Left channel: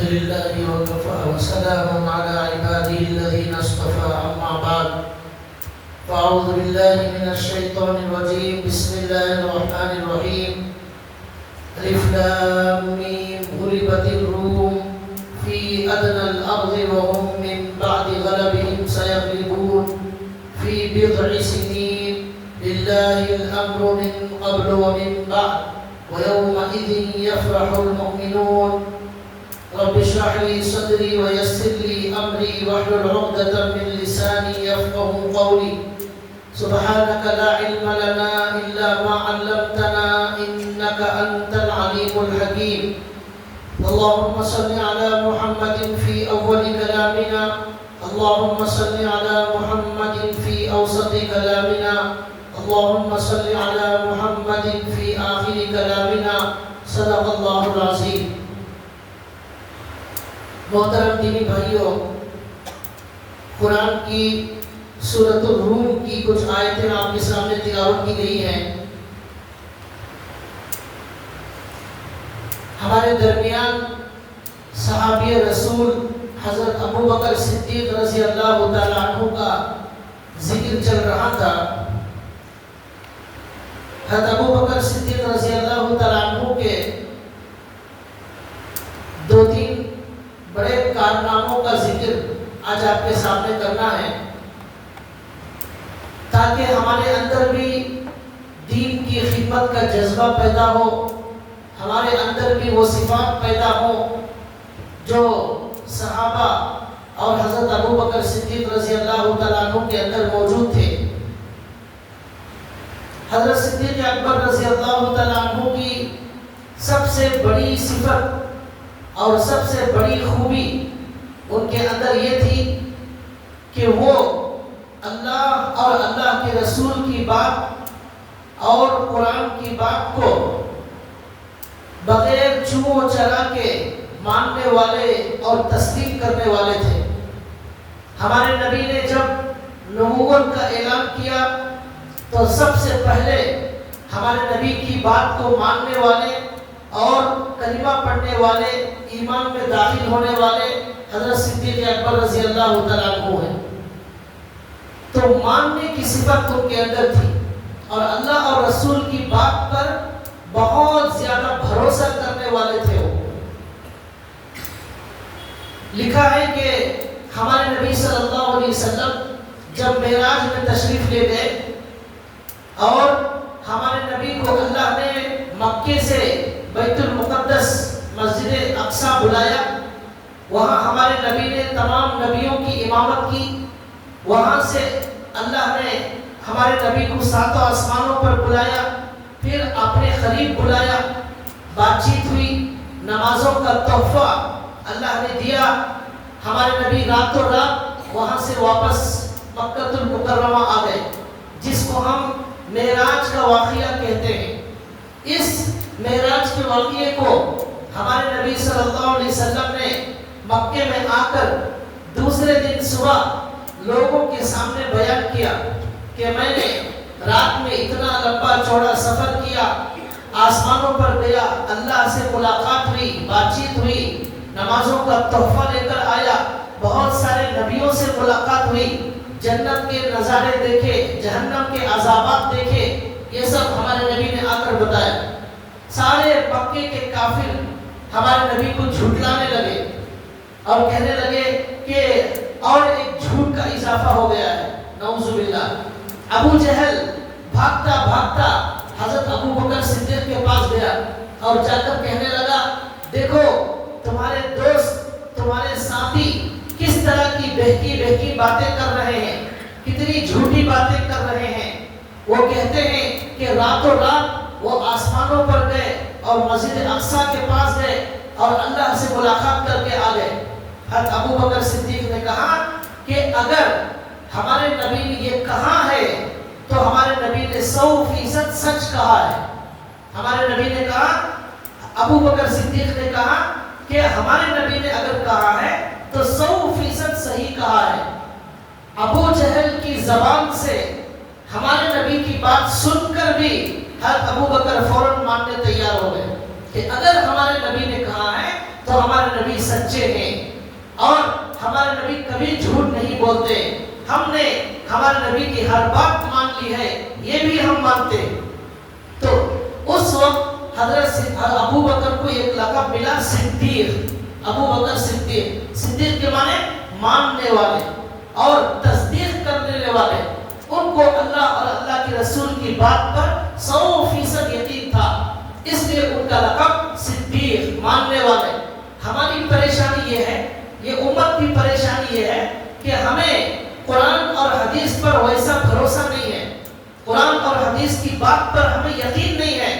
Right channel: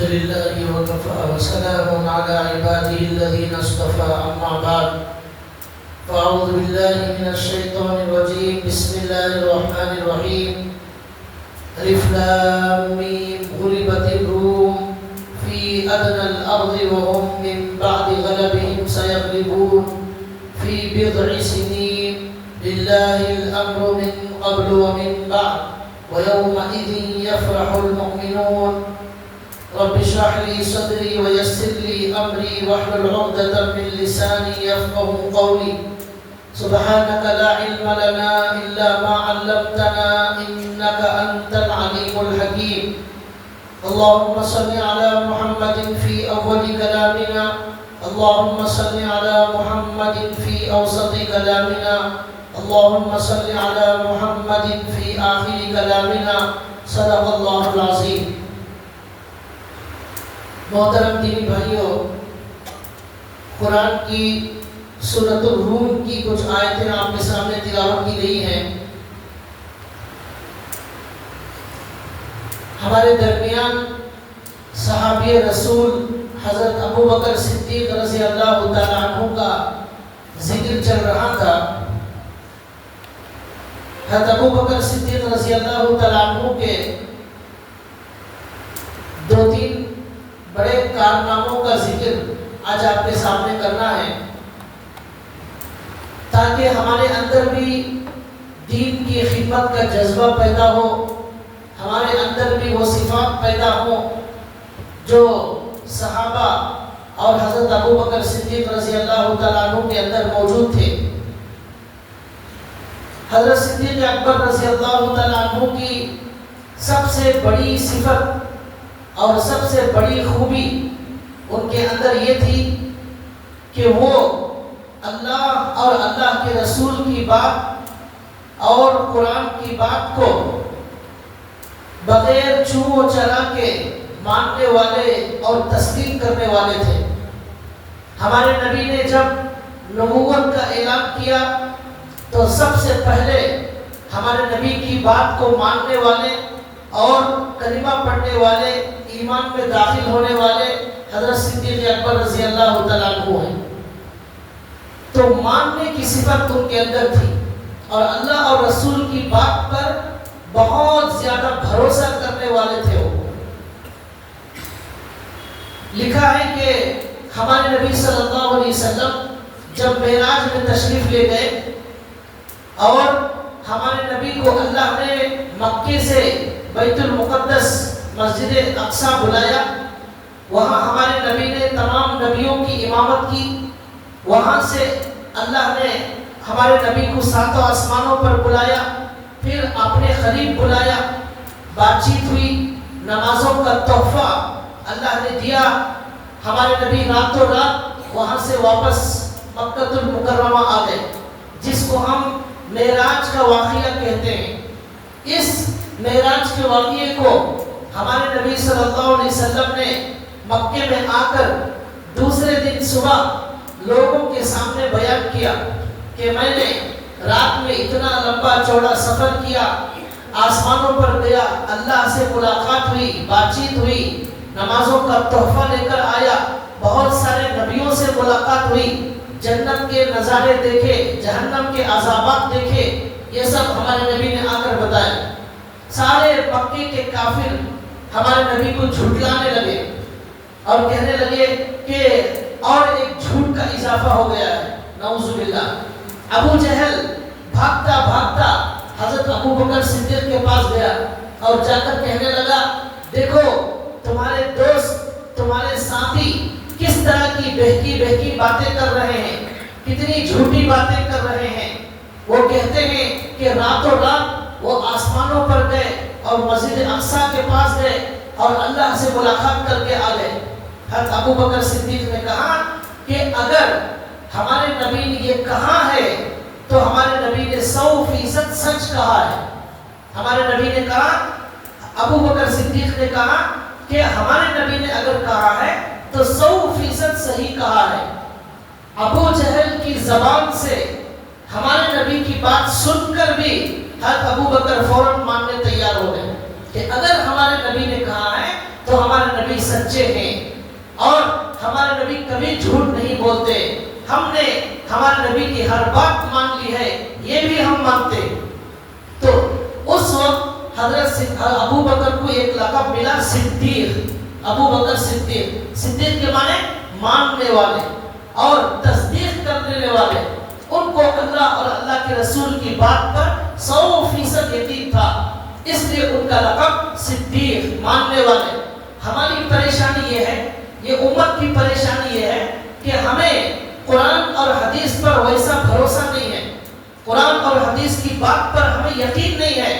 الحمد لله وكفى وسلام على عباده الذين اصطفى أما بعد فأعوذ بالله من الشيطان الرجيم بسم الله الرحمن الرحيم ألف لام ميم غلبت الروم في أدنى الأرض وهم من بعد غلبهم سيغلبون في بضع سنين لله الأمر من قبل ومن بعد ويومئذ يفرح المؤمنون رب اشرح لي صدري ويسر لي أمري واحلل عقدة من لساني يفقهوا قولي سبحانك لا علم لنا إلا ما علمتنا إنك أنت العليم الحكيم اللهم صل على محمد في أول كلامنا اللهم صل على محمد في أوسط كلامنا اللهم صل على محمد في آخر كلامنا صدق اللہ العظیم. محترم دینی بھائیوں، قرآن کی سورۃ الروم کی کچھ آیتیں آپ کے سامنے تلاوت کی گئی ہیں. ہمارے درمیان صحابی رسول حضرت ابو بکر صدیق رضی اللہ تعالیٰ عنہ کا ذکر چل رہا تھا. حضرت ابو بکر صدیق رضی اللہ تعالیٰ عنہ کے دو تین بڑے کارناموں کا ذکر آج آپ کے سامنے کرنا ہے تاکہ ہمارے اندر بھی دین کی خدمت کا جذبہ پیدا ہو، ہمارے اندر بھی وہ صفات پیدا ہو جو صحابہ اور حضرت ابو بکر صدیق رضی اللہ تعالیٰ عنہ کے اندر موجود تھے. حضرت صدیق اکبر رضی اللہ تعالیٰ عنہ کی سب سے بڑی صفت اور سب سے بڑی خوبی ان کے اندر یہ تھی کہ وہ اللہ اور اللہ کے رسول کی بات اور قرآن کی بات کو بغیر چھو چلا کے ماننے والے اور تصدیق کرنے والے تھے. ہمارے نبی نے جب نبوت کا اعلان کیا تو سب سے پہلے ہمارے نبی کی بات کو ماننے والے اور کلمہ پڑھنے والے، ایمان میں داخل ہونے والے حضرت صدیق اکبر رضی اللہ تعالیٰ عنہ ہیں. تو ماننے کی صفت ان کے اندر تھی اور اللہ اور رسول کی بات پر بہت زیادہ بھروسہ کرنے والے تھے. وہ لکھا ہے کہ ہمارے نبی صلی اللہ علیہ وسلم جب معراج میں تشریف لے گئے اور ہمارے نبی کو اللہ نے مکے سے بیت المقدس مسجد اقصی بلایا. وہاں ہمارے نبی نے تمام نبیوں کی امامت کی. وہاں سے اللہ نے ہمارے نبی کو ساتوں آسمانوں پر بلایا، پھر اپنے قریب بلایا، بات چیت ہوئی، نمازوں کا تحفہ اللہ نے دیا. ہمارے نبی راتوں رات وہاں سے واپس مکہ المکرمہ آ گئے، جس کو ہم معراج کا واقعہ کہتے ہیں. اس معراج کے واقعے کو ہمارے نبی صلی اللہ علیہ وسلم نے مکے میں آ کر دوسرے دن صبح لوگوں کے سامنے بیان کیا کہ میں نے رات میں اتنا لمبا چوڑا سفر کیا، آسمانوں پر گیا، اللہ سے ملاقات ہوئی، بات چیت ہوئی، نمازوں کا تحفہ لے کر آیا، بہت سارے نبیوں سے ملاقات ہوئی، جنت کے نظارے دیکھے، جہنم کے عذابات دیکھے. یہ سب ہمارے نبی نے آ کر بتایا. سارے مکے کے کافر ہمارے نبی کو جھٹلانے لگے اور کہنے لگے کہ اور ایک جھوٹ کا اضافہ ہو گیا ہے، نعوذ باللہ. ابو جہل بھاگتا بھاگتا حضرت ابو بکر صدیق کے پاس گیا اور جا کر کہنے لگا دیکھو تمہارے دوست، تمہارے ساتھی کس طرح کی بہکی باتیں کر رہے ہیں، کتنی جھوٹی باتیں کر رہے ہیں. وہ کہتے ہیں کہ راتوں رات وہ آسمانوں پر گئے اور مسجد اقصی کے پاس گئے اور اللہ سے ملاقات کر کے آ گئے. حضرت ابو بکر صدیق نے کہا کہ اگر ہمارے نبی نے یہ کہا ہے تو ہمارے نبی نے 100% سچ کہا ہے. ہمارے نبی نے کہا، ابو بکر صدیق نے کہا کہ ہمارے نبی نے اگر کہا ہے تو 100% صحیح کہا ہے. ابو جہل کی زبان سے ہمارے نبی کی بات سن کر بھی حضرت ابو بکر فوراً ماننے تیار ہو گئے کہ اگر ہمارے نبی نے کہا ہے تو ہمارے نبی سچے سچے ہیں اور ہمارے نبی کبھی جھوٹ نہیں بولتے. ہم نے ہمارے نبی کی ہر بات مان لی ہے, یہ بھی ہم مانتے. تو اس وقت حضرت ابو بکر کو ایک لقب ملا صدیق. ابو بکر صدیق, صدیق کے معنی ماننے والے اور تصدیق کرنے والے. ان کو اللہ اور اللہ کے رسول کی بات پر 100% یقین تھا, اس لیے ان کا لقب صدیق, ماننے والے. ہماری پریشانی یہ ہے, یہ امت کی پریشانی یہ ہے کہ ہمیں قرآن اور حدیث پر ویسا بھروسہ نہیں ہے. قرآن اور حدیث کی بات پر ہمیں یقین نہیں ہے.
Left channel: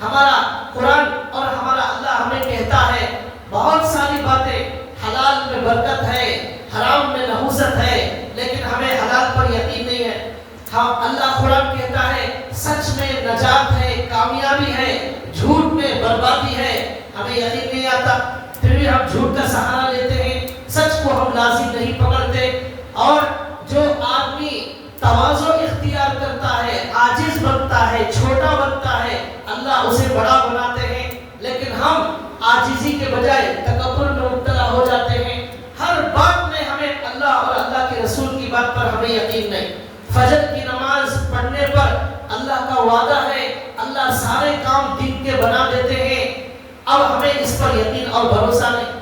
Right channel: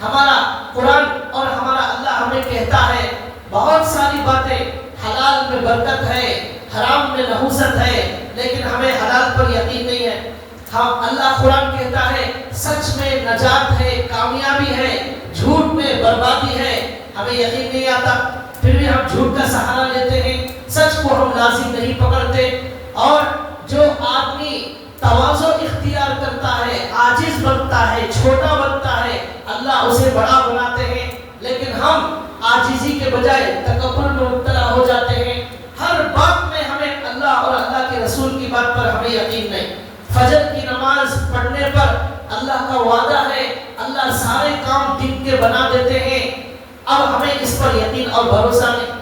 ہمارا قرآن اور ہمارا اللہ ہمیں کہتا ہے بہت ساری باتیں, حلال میں برکت ہے, حرام میں نحوست ہے, لیکن ہمیں حلال پر یقین نہیں ہے. ہم اللہ قرآن کہتا ہے سچ میں نجات ہے, کامیابی ہے, جھوٹ میں بربادی ہے. ہمیں یقین نہیں آتا, پھر بھی ہم جھوٹ کا سہارا لیتے ہیں, سچ کو ہم لازم نہیں پکڑتے. اور جو آدمی تواضع اختیار کرتا ہے, عاجز بنتا ہے, چھوٹا بنتا ہے, اللہ اسے بڑا بناتے ہیں. لیکن ہم عاجزی کے بجائے تکبر میں مبتلا ہو جاتے ہیں. ہر بات میں ہمیں اللہ اور اللہ کے رسول کی بات پر ہمیں یقین نہیں. فجر کی نماز پڑھنے پر اللہ کا وعدہ ہے, اللہ سارے کام دن کے بنا دیتے ہیں. اب ہمیں اس پر یقین اور بھروسہ نہیں.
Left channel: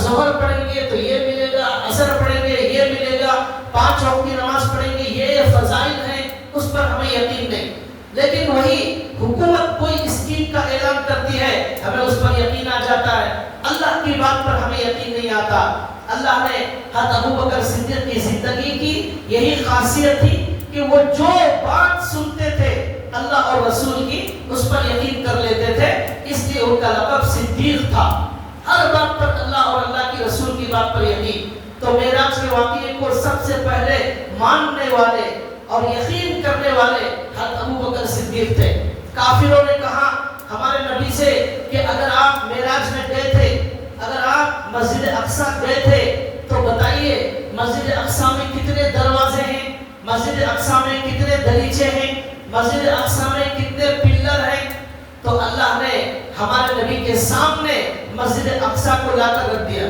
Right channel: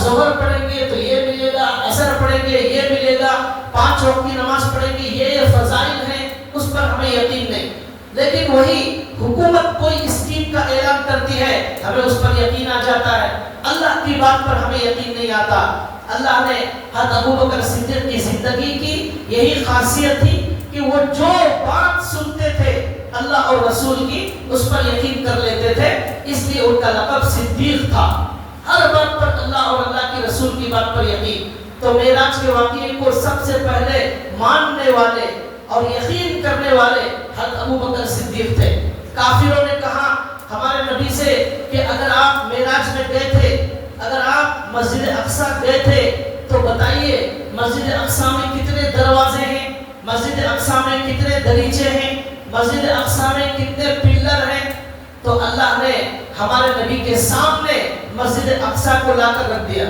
ظہر پڑھیں گے تو یہ ملے گا, عصر پڑھیں گے یہ ملے گا, 5 وقت کی نماز پڑھیں گے یہ فضائل ہیں, اس پر ہمیں یقین نہیں. لیکن وہی حکومت کوئی اسکیم کا اعلان کرتی ہے, ہمیں اس پر یقین آ جاتا ہے. اللہ کی بات پر ہمیں یقین نہیں آتا. اللہ نے حضرت ابو بکر صدیق کی زندگی کی یہی خاصیت تھی کہ وہ جو بات سنتے تھے اللہ اور رسول کی, اس پر یقین کر لیتے تھے. اس لیے ان کا لقب صدیق تھا. ہر بات پر اللہ اور اللہ کی رسول کی بات پر یقین. تو معراج کے واقعے کو سب سے پہلے ماننے والے اور یقین کرنے والے حضرت ابو بکر صدیق تھے. کافروں نے کہا ہمارے نبی سے کہ اگر آپ معراج میں گئے تھے, اگر آپ مسجد اقصیٰ گئے تھے تو بتائیے مسجد اقصیٰ میں کتنے دروازے ہیں, مسجد اقصیٰ میں کتنے دریچے ہیں, مسجد اقصیٰ میں کتنے پلر ہیں. تو اللہ نے ہمارے نبی کے سامنے مسجد اقصیٰ کو لا کر رکھ دیا.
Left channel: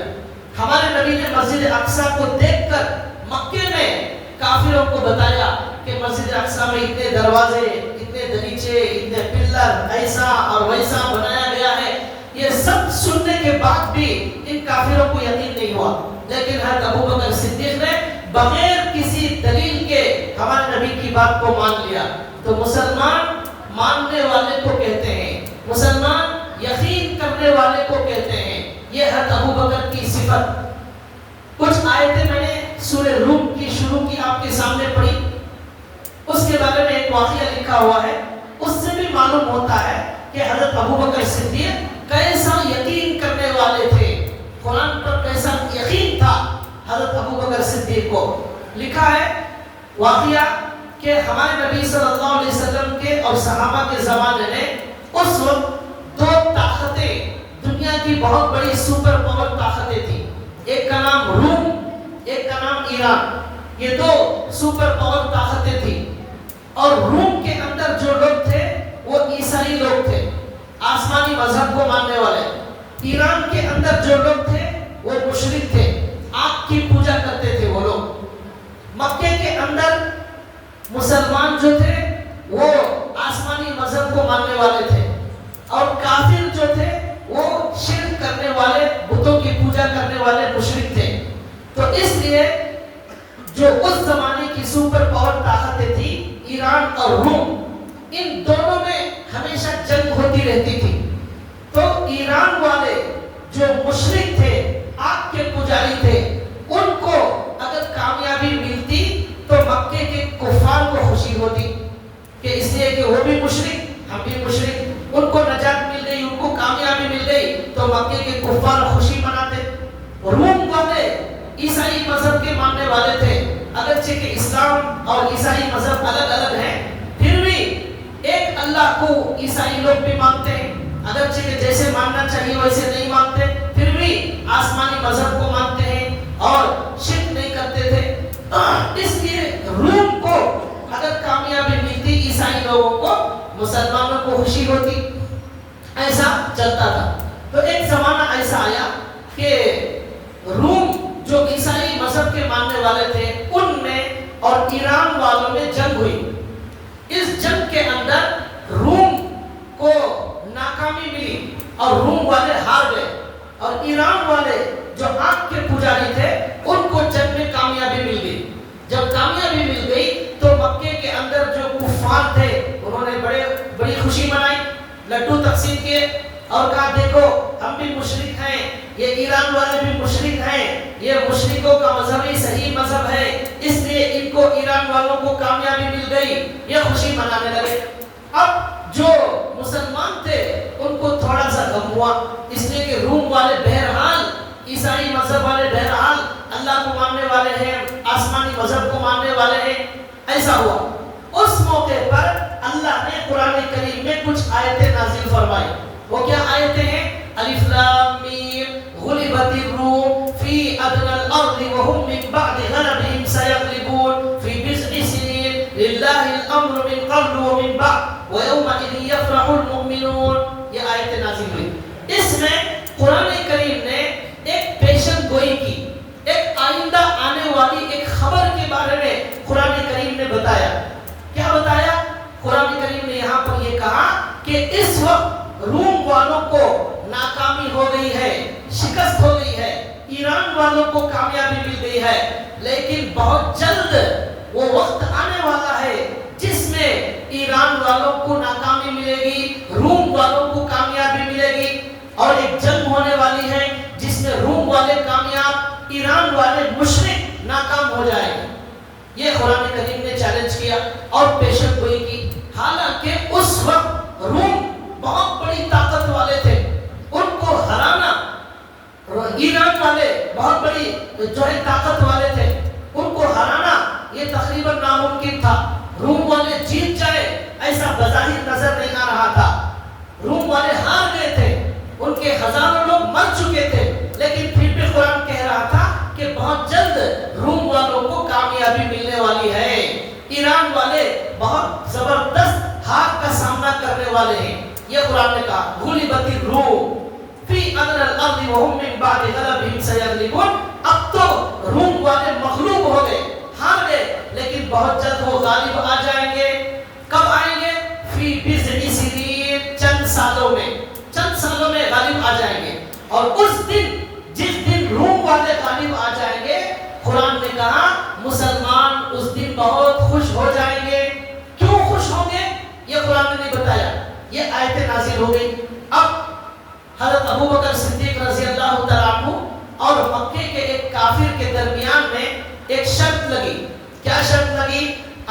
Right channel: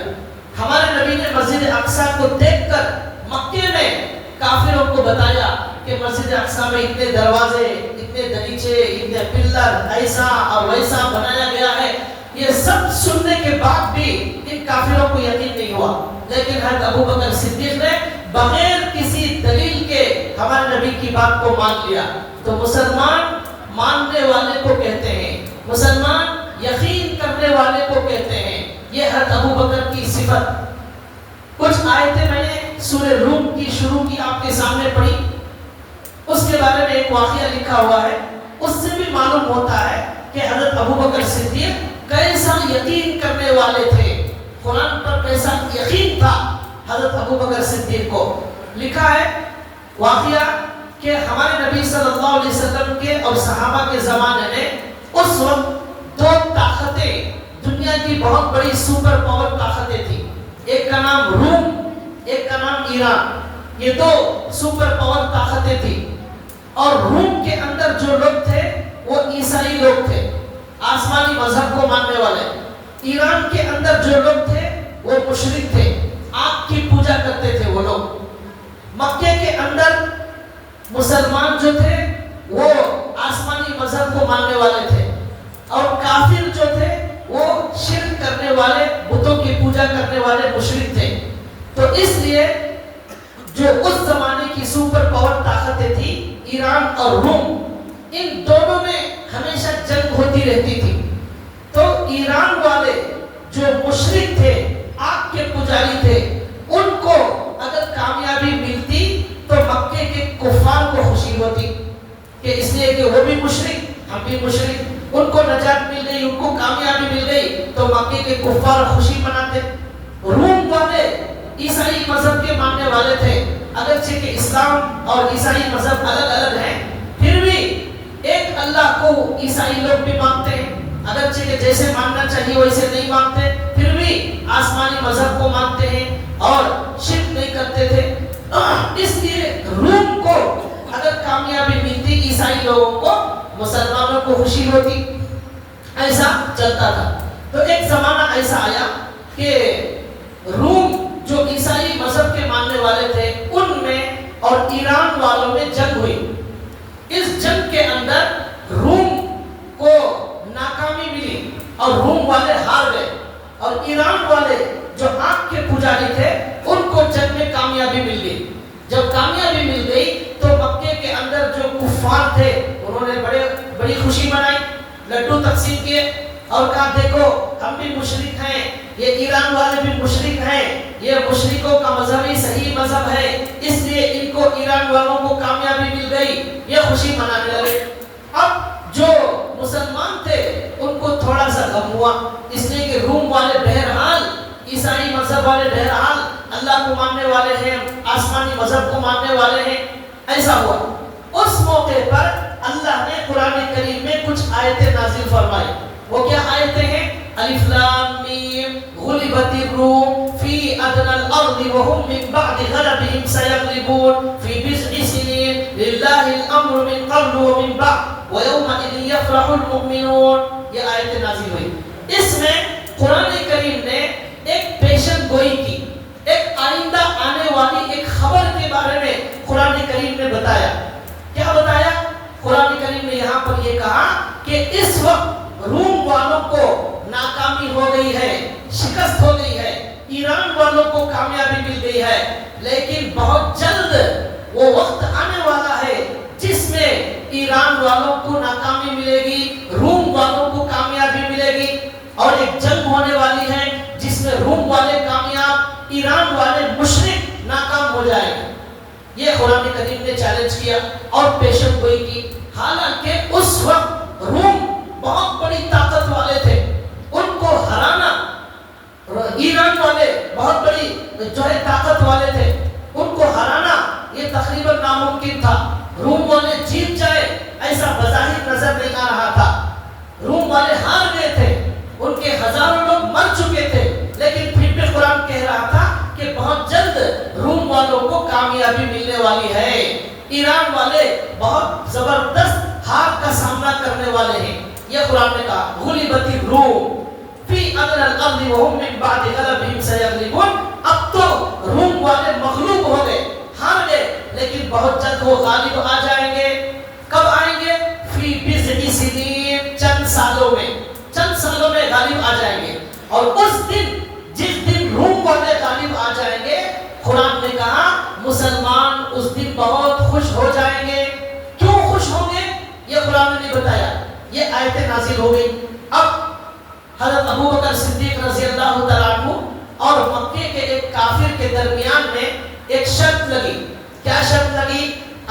ہمارے نبی نے مسجد اقصیٰ کو دیکھ کر مکے میں کافروں کو بتایا کہ مسجد اقصیٰ میں اتنے دروازے, اتنے دریچے, اتنے پلر, ایسا اور ویسا بنایا گیا ہے. یہ سب سننے کے بعد بھی ان کافروں کو یقین نہیں ہوا. لیکن حضرت ابو بکر صدیق نے بغیر کسی دلیل کے ہمارے نبی کی بات کو مان لیا. تو مسلمان ماننے والے کو کہتے ہیں, مسلمان یقین کرنے والے کو کہتے ہیں. یہ حضرت ابو بکر کی صفت. کچھ آیتیں میں نے سورہ روم کی شروع کی آپ کے سامنے پڑھی, اس کے بارے میں ایک واقعہ لکھا ہوا ہے. اس سے بھی معلوم ہوتا ہے کہ حضرت ابو بکر صدیق کیسا یقین کرنے والے تھے, قرآن پر کیسا یقین تھا حضرت ابو بکر صدیق کو. لکھا ہے واقعہ کہ ہمارے نبی صلی اللہ علیہ وسلم کے اور صحابہ کے زمانے میں اس وقت 2 طاقتیں, دنیا کی بہت بڑی سپر پاور طاقتیں تھیں. ایک کا نام روم, ایک کا نام ایران. یہ 2 سپر پاور طاقتیں تھیں. اور روم کے اندر جو لوگ تھے وہ عیسائی لوگ تھے, آسمانی مذہب کو ماننے والے. ایران کے اندر جو لوگ تھے وہ مشرک تھے, آگ کی پوجا کرتے تھے وہ لوگ. مکے کے اندر مسلمان جو تھے وہ آسمانی مذہب کو ماننے والے تھے, اور کافر جو تھے وہ شرک کرنے والے, بتوں کی پوجا کرنے والے مشرک تھے. تو اس لیے جو اس زمانے کی سپر پاور طاقتیں تھی ایران اور روم, ان دونوں میں ہمیشہ جنگ ہوتی رہتی تھی. تو ایران والے جو مشرک تھے, آگ کے پجاری تھے, ان کو اگر کامیابی ملتی تو مکے کے کفار کو خوشی ہوتی کہ اس لیے کہ وہ بھی مشرک, ہم بھی مشرک, ان کو نجات مل گئی, ان کو کامیابی مل گئی, تو مکے کے کفار خوشی مناتے. روم والے عیسائی مذہب کے ماننے والے تھے, اگرچہ کہ اسلام اور عیسائی مذہب الگ الگ ہیں, پھر بھی ایک اللہ کو عیسائی لوگ بھی مانتے ہیں, اگرچہ کہ جیسے ماننا چاہیے ویسے نہیں مانتے, پھر بھی آسمانی مذہب کو مانتے ہیں اور شرک نہیں کرتے تھے. اس لیے روم کو اگر کامیابی ملتی عیسائی لوگوں کو, مسلمانوں کو خوشی ہوتی. ایسا چلتا تھا. تو ایک زمانہ ایسا آیا کہ انہوں نے بڑی خوشی منائی، لڈو تقسیم کیے اور کہا دیکھو ہم بھی مشرک ہیں، یہ ایران والے بھی مشرک ہیں، یہ مشرکوں کا مذہب ہی صحیح مذہب ہے، اس لیے ان کو ایران والوں کو کامیابی مل گئی، یہ خوشی منانے لگے۔ اب جو مسلمان تھے ان کو تھوڑا سا غم ہوا، اس لیے کہ روم والے بہرحال عیسائی مذہب والے بہرحال اللہ کو ماننے والے ہیں، آسمانی مذہب کو ماننے والے ہیں، ایسا ہوا۔ اس موقع پر اللہ نے قرآن کریم میں کچھ آیتیں نازل فرمائی۔ وہ کیا آیتیں ہیں؟ الف لام میم غلبت الروم فی ادنی الارض وهم من بعد غلبهم سيغلبون في بضع سنين لله الامر من قبل ومن بعد ويومئذ يفرح المؤمنون۔ یہ آیت نازل ہوئی، اس میں قرآن کریم نے ایک پیشن گوئی کی، ایک آئندہ آنے والی ایک خبر کے بارے میں قرآن کریم نے بتایا۔ کیا بتایا؟ قرآن کریم نے یہاں پر یہ کہا کہ اس وقت روم والوں کو ناکامی ہو گئی ہے، شکست ہو گئی ہے، ایران والوں کو کامیابی مل گئی ہے، لیکن بہت جلد وہ وقت آنے والا ہے جس میں ایران والوں کو ناکامی ملے گی، روم والوں کو کامیابی ملے گی، اور ایک جنگ ہونے والی ہے جس میں روم والے کامیاب، ایران والے مشرک ناکام ہو جائیں گے۔ یہ قرآن کریم نے چیلنج کیا اور پیشن گوئی کی۔ حالانکہ اس وقت روم بہت بڑی طاقت والے تھے، ان کو ہرانا، ایران والے بہت بڑی جو ہے طاقت والے تھے، ان کو ہرانا یہ تقریباً ناممکن تھا۔ روم والے جیت جائے ایسا بظاہر نظر نہیں آ رہا تھا، روم والے ہار گئے تھے، ان کے ہزاروں لوگ مر چکے تھے، لیکن پھر بھی قرآن کہہ رہا تھا کہ بہت جلد روم والوں کو کامیابی ملنے والی ہے، ایران والے بہت زبردست ہار کا سامنا کرنے والے ہیں۔ یہ قرآن نے کہا غلبت الروم فی ادنی الارض وهم من بعد غلبهم سيغلبون۔ اب تو روم والے مغلوب ہو گئے، ہار گئے، لیکن بہت جلد وہ غالب آ جائیں گے۔ کب آئیں گے؟ فی بضع سنین، چند سالوں میں غالب آ جائیں گے۔ اور اس دن جس دن روم والے غالب آ جائیں گے، قرآن نے کہا مسلمان اس دن بہت خوش ہو جائیں گے۔ کیوں خوش ہوں گے یہ قرآن نے نہیں بتایا، یہ آیتیں نازل ہو گئی۔ اب حضرت ابوبکر صدیق رضی اللہ تعالیٰ عنہ اور مکے کے ایک کافر کے درمیان میں ایک شرط لگی۔ کیا شرط لگی؟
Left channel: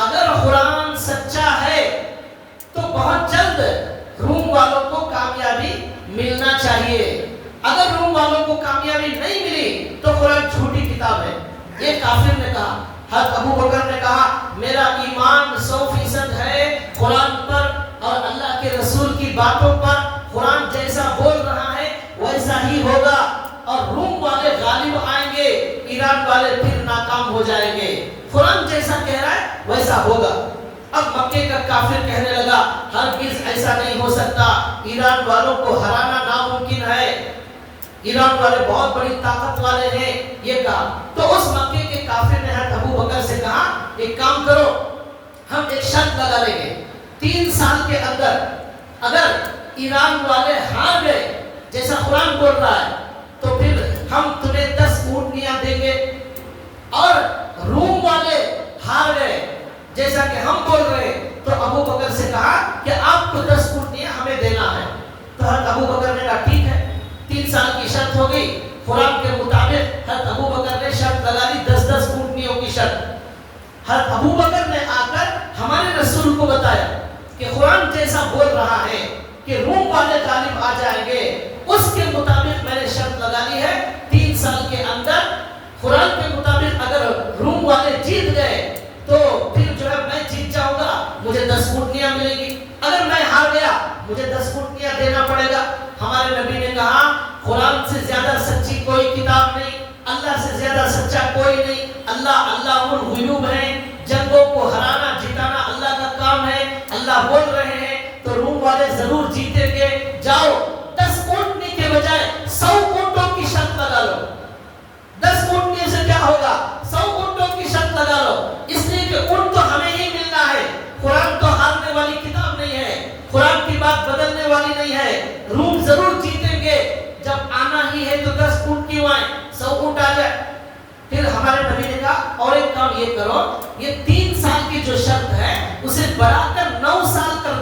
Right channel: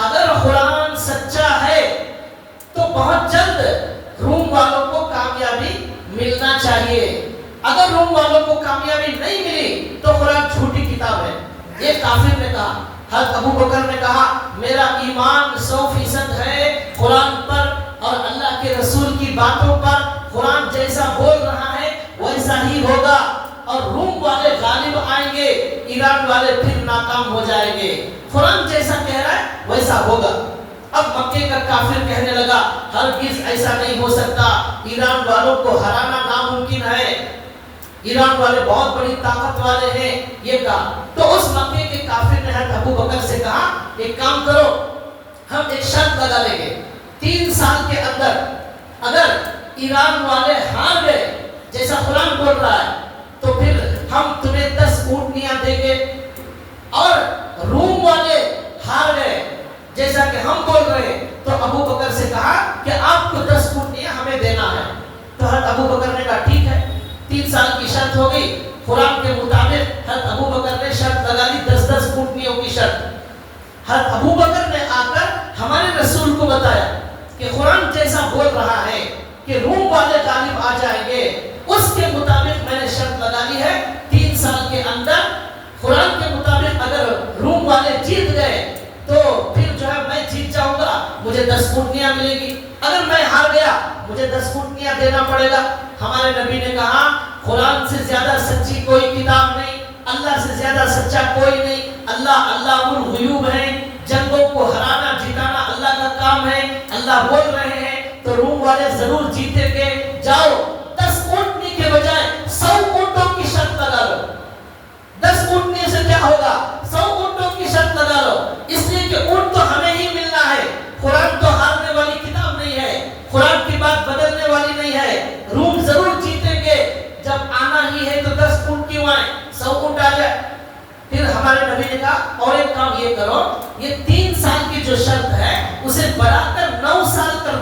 اگر قرآن سچا ہے تو بہت جلد روم والوں کو کامیابی ملنا چاہیے، اگر روم والوں کو کامیابی نہیں ملی تو قرآن جھوٹی کتاب ہے۔ یہ کافر نے کہا۔ حضرت ابوبکر نے کہا میرا ایمان 100% ہے قرآن پر اور اللہ کے رسول کی باتوں پر، قرآن جیسا بول رہا ہے ویسا ہی ہوگا، اور روم والے غالب آئیں گے، ایران والے پھر ناکام ہو جائیں گے، قرآن جیسا کہہ رہا ہے ویسا ہوگا۔ اب مکے کا کافر کہنے لگا ہرگز ایسا نہیں ہو سکتا، ایران والوں کو ہرانا ناممکن ہے، ایران والے بہت بڑی طاقت والے ہیں، یہ کہا۔ تو اس مکے کے کافر نے حضرت ابوبکر سے کہا ایک کام کرو، ہم ایک شرط لگا لیں گے، 3 سال کے اندر اگر ایران والے ہار گئے جیسا قرآن بول رہا ہے تو پھر ہم تمہیں 10 اونٹنیاں دیں گے، اور روم والے ہار گئے جیسا کہ ہم بول رہے ہیں تو ابوبکر سے کہا کہ آپ کو 10 اونٹنیاں ہمیں دینا ہے۔ تو حضرت ابوبکر نے کہا ٹھیک ہے، 3 سال کی شرط ہو گئی۔ قرآن کے مطابق حضرت ابوبکر نے شرط لگا لی 10 اونٹنیوں کی شرط۔ حضرت ابوبکر نے آ کر ہمارے رسول کو بتایا کہ قرآن جیسا بول رہا ہے کہ روم والے غالب آ جائیں گے، اس کے مطابق میں نے شرط لگا لی ہے 3 سال کے اندر قرآن کے مطابق اگر روم والے جیت گئے تو پھر جو ہے میں جیت جاؤں گا، مجھے 10 اونٹنیاں ملیں گی، اگر میں ہار گیا مجھے 10 اونٹنیاں دینا پڑے گا۔ ہمارے نبی نے کہا قرآن سے زیادہ سچی کوئی کتاب نہیں، اللہ سے زیادہ سچا کوئی نہیں، اللہ علام الغیوب ہے، جنگوں کو ہرانا جتانا اللہ کا کام ہے، اللہ بول رہے ہیں تو روم والے ضرور جیتیں گے۔ جاؤ 10 اونٹنی کے بجائے 100 اونٹوں کی شرط لگا لو، 10 اونٹنی سے کیا ہوگا، 100 اونٹوں کی شرط لگا لو، اس لیے کہ اونٹ تو ہمیں ہی ملنا ہے، قرآن تو ہارنے والی کتاب نہیں ہے، قرآن کی بات بدلنے والی نہیں ہے، روم ضرور جیتیں گے، جب آنا ہی ہے تو 10 اونٹ کیوں آئے، 100 اونٹ آ جائے۔ پھر ہمارے نبی نے کہا اور ایک کام یہ کرو، یہ 3 سال کی جو شرط ہے اسے بڑھا کر 9 سال کر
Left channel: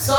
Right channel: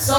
100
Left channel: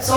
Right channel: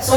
100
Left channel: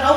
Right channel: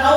9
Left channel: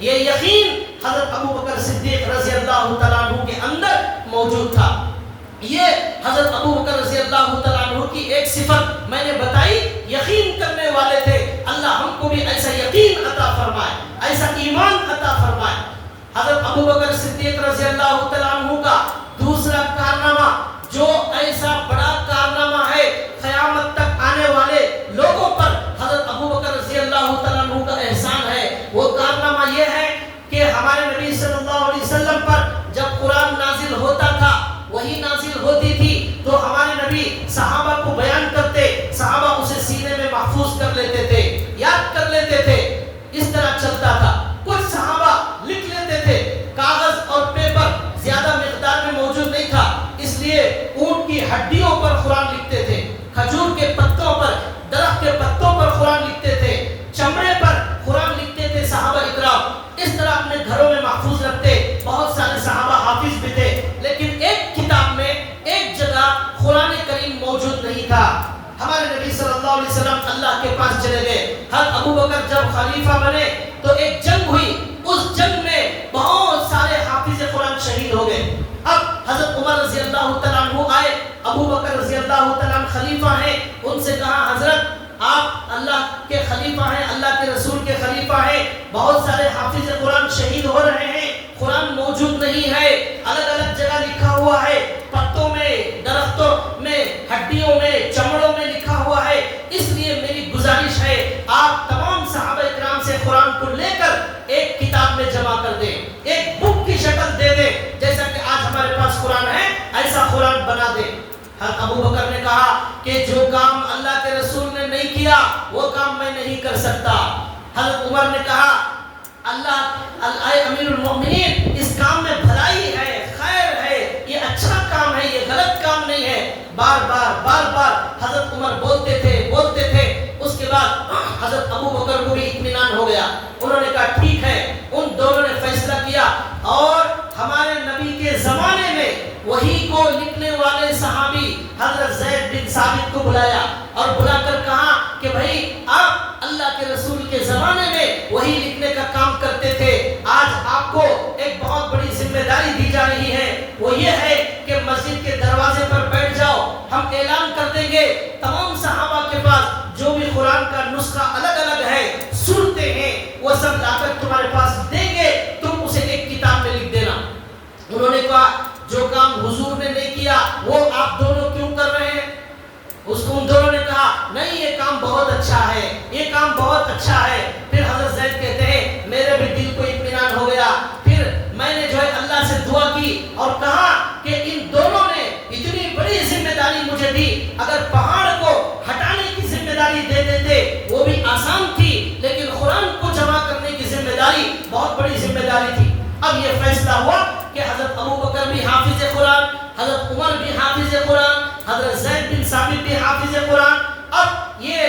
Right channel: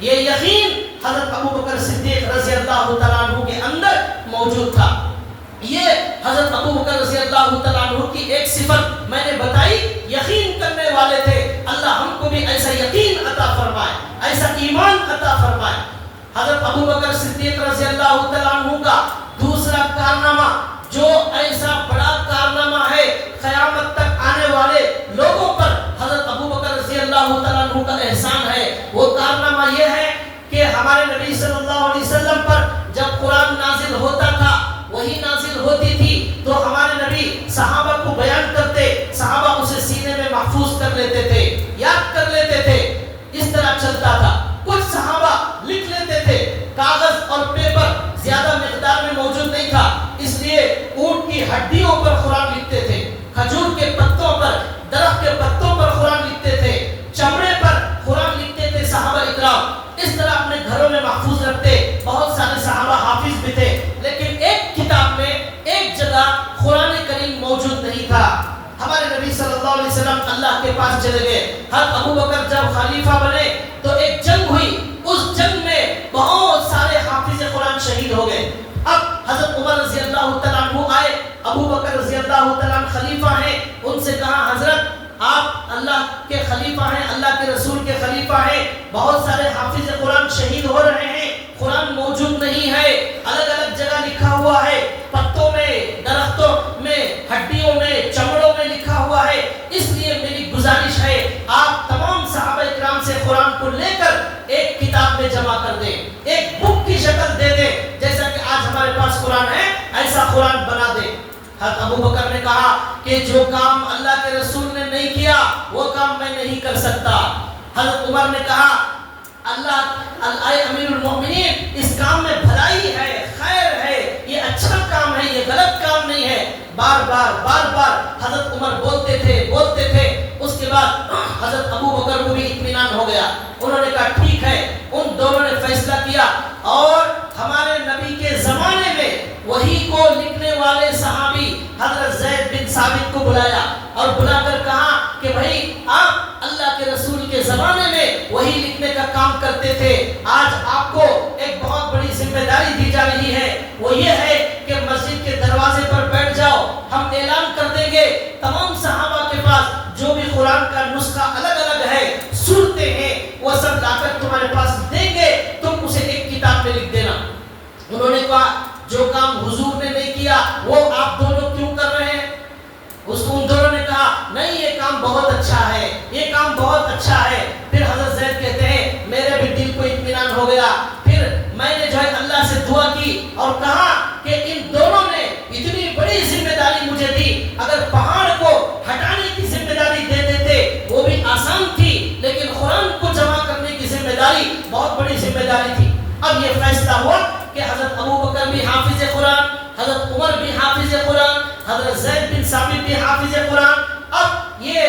یہ یقین حضرت ابو بکر صدیق رضی اللہ تعالیٰ عنہ کے اندر موجود تھا. یہ حضرت ابو بکر رضی اللہ تعالیٰ عنہ کی ایک صفت میں نے بتائی، یقین کرنے والے تھے. اللہ ہم کو بھی ایسا یقین عطا فرمائے، ایسا ایمان عطا فرمائے. حضرت ابو بکر صدیق رضی اللہ تعالیٰ عنہ کا دوسرا کارنامہ جو ایسا بڑا کارنامہ ہے قیامت تک آنے والے لوگوں پر حضرت ابو بکر رضی اللہ تعالیٰ عنہ کا احسان ہے، وہ کارنامہ یہ ہے کہ ہمارے نبی صلی اللہ علیہ وسلم پر جب قرآن نازل ہوتا تھا، وہی نازل ہوتی تھی تو ہمارے نبی صحابہ کو بیان کرتے، صحابہ اسے سینے میں محفوظ کر لیتے تھے، یاد کر لیتے تھے. اس طرح چلتا تھا. کچھ صحابہ لکھ لیتے تھے، کاغذ اور پیپر زیادہ مقدار میں موجود نہیں تھا، اس لیے اونٹ کی ہڈیوں پر قرآن لکھتے تھے، کھجور کے پتوں پر، درخت کے پتوں پر قرآن لکھتے تھے، چمڑے پر قرآن لکھتے تھے صحابہ اکرام. اس طرح اپنے گھروں میں محفوظ رکھتے. بہت سارے صحابہ حافظ بھی تھے، لیکن ایک کتاب میں ایک جگہ قرآن کریم موجود نہیں تھا. ہمارے نبی صلی اللہ علیہ وسلم اللہ کے پاس چلے گئے. حضرت ابو بکر جب خلیفہ بنے تو ایک جنگ ہوئی، اس جنگ میں بہت سارے حافظ قرآن شہید ہو گئے. اب حضرت عمر رضی اللہ تعالیٰ عنہ آئے، ابو بکر رضی اللہ تعالیٰ عنہ خلیفہ ہیں، ان سے کہا حضرت آپ اللہ کے خلیفہ ہیں، اللہ کے رسول کے خلیفہ ہیں، بہت سارے حافظ قرآن شہید ہو رہے ہیں، قرآن موجود نہیں ہے، الگ الگ جگہ لکھا ہوا ہے، پتوں میں، درختوں میں، ہڈیوں میں، چمڑوں میں لکھا ہوا ہے. اس لیے میری گزارش ہے آپ تمام صحابہ اکرام سے قرآن کو لے کر ایک کتاب میں جمع کر دیں، ایک بک کی شکل دے دیں، جیسا کہ آج ہمارے پاس قرآن ہے ایسا قرآن بنا دیں. حضرت ابو بکر نے کہا کہ جو کام اللہ کے رسول نے نہیں کیا وہ کام میں نہیں کر سکتا. حضرت عمر نے کہا اللہ اے امیر المومنین، اس کام میں بھلائی ہے، خیر ہے، یہ اچھا کام ہے، یہ غلط کام نہیں ہے. بار بار حضرت عمر بولتے تھے. اس کے بعد حضرت ابو بکر کو بھی اطمینان ہو گیا. انہوں نے کہا ٹھیک ہے. ان دونوں نے فیصلہ کیا اور ہمارے نبی کے زمانے میں وحی کو لکھنے والے صحابی حضرت زید بن ثابت کو بلایا اور بلا کر کہا کہ بھائی آپ اللہ کے رسول کے زمانے میں وحی لکھنے کا کام کرتے تھے، آج آپ کو ایک بہت بڑی ذمہ داری دی جا رہی ہے، وہ یہ ہے کہ مسجد کے دروازے پر بیٹھ جاؤ. ہم اعلان کر دیں گے تمام صحابہ کے پاس جو بھی قرآن کا نسخہ الگ الگ ہے، صورتیں ہیں، وہ سب لا کر تمہارے پاس دیں گے، تم اسے ایک کتاب میں لکھ دینا. انہوں نے کہا جو کام حضور نے نہیں کیا وہ آپ دونوں کیوں کر رہے ہیں؟ ان دونوں نے کہا نہیں یہ کام بہت اچھا ہے، یہ کام بہت اچھا ہے. پھر حضرت زید کہتے ہیں میرے بھی دل کو اطمینان ہو گیا. پھر میں نے جو ہے اللہ سے دعا کی اور کہا کہ ان دونوں نے اتنی بڑی ذمہ داری مجھے دی، اگر پہاڑ کو ہٹانے کی ذمہ داری دے دیتے وہ بھی آسان تھی، لیکن قرآن کو جمع کرنے کی ذمہ داری بہت بڑی ذمہ داری تھی. اب یہ فیصلہ ہوا کہ حضرت ابو بکر بھی حافظ قرآن، حضرت عمر بھی حافظ قرآن، حضرت زید بن ثابت بھی حافظ قرآن. اب یہ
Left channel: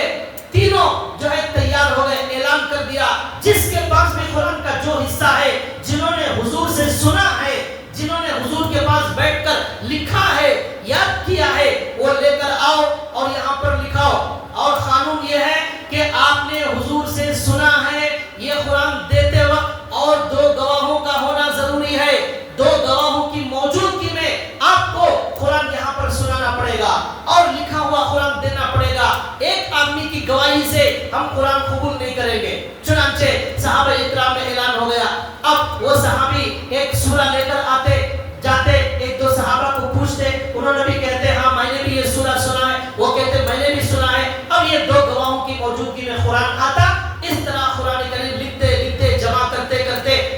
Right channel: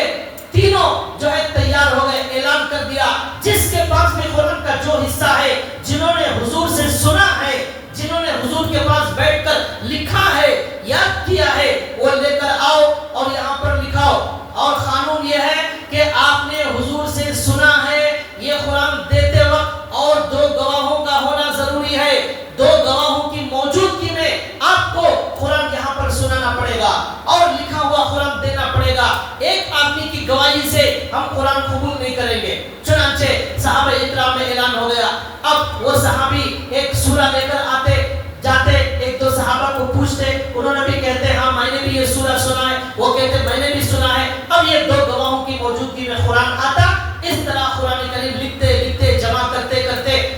تینوں جو ہے تیار ہو گئے. اعلان کر دیا جس کے پاس بھی قرآن کا جو حصہ ہے، جنہوں نے حضور سے سنا ہے، جنہوں نے حضور کے پاس بیٹھ کر لکھا ہے، یاد کیا ہے، وہ لے کر آؤ اور یہاں پر لکھاؤ. اور قانون یہ ہے کہ آپ نے حضور سے سنا ہے، یہ قرآن دیتے وقت اور دو گواہوں کا ہونا ضروری ہے. دو گواہوں کی موجودگی میں آپ کو قرآن یہاں پر سنانا پڑے گا اور لکھا ہوا قرآن دینا پڑے گا. ایک آدمی کی گواہی سے ہم قرآن قبول نہیں کریں گے. چنانچہ صحابہ اکرام میں اعلان ہو گیا. اب وہ صحابی ایک سورہ لے کر آتے جاتے، ایک دو صحابہ کو پوچھتے، انہوں نے بھی کہتے ہاں میں نے بھی یہ سورہ سنا ہے، وہ کہتے میں نے بھی سنا ہے. اب یہ دو گواہوں کی موجودگی میں قرآن آتا. اس طرح قرآن کریم لکھتے جمع کرتے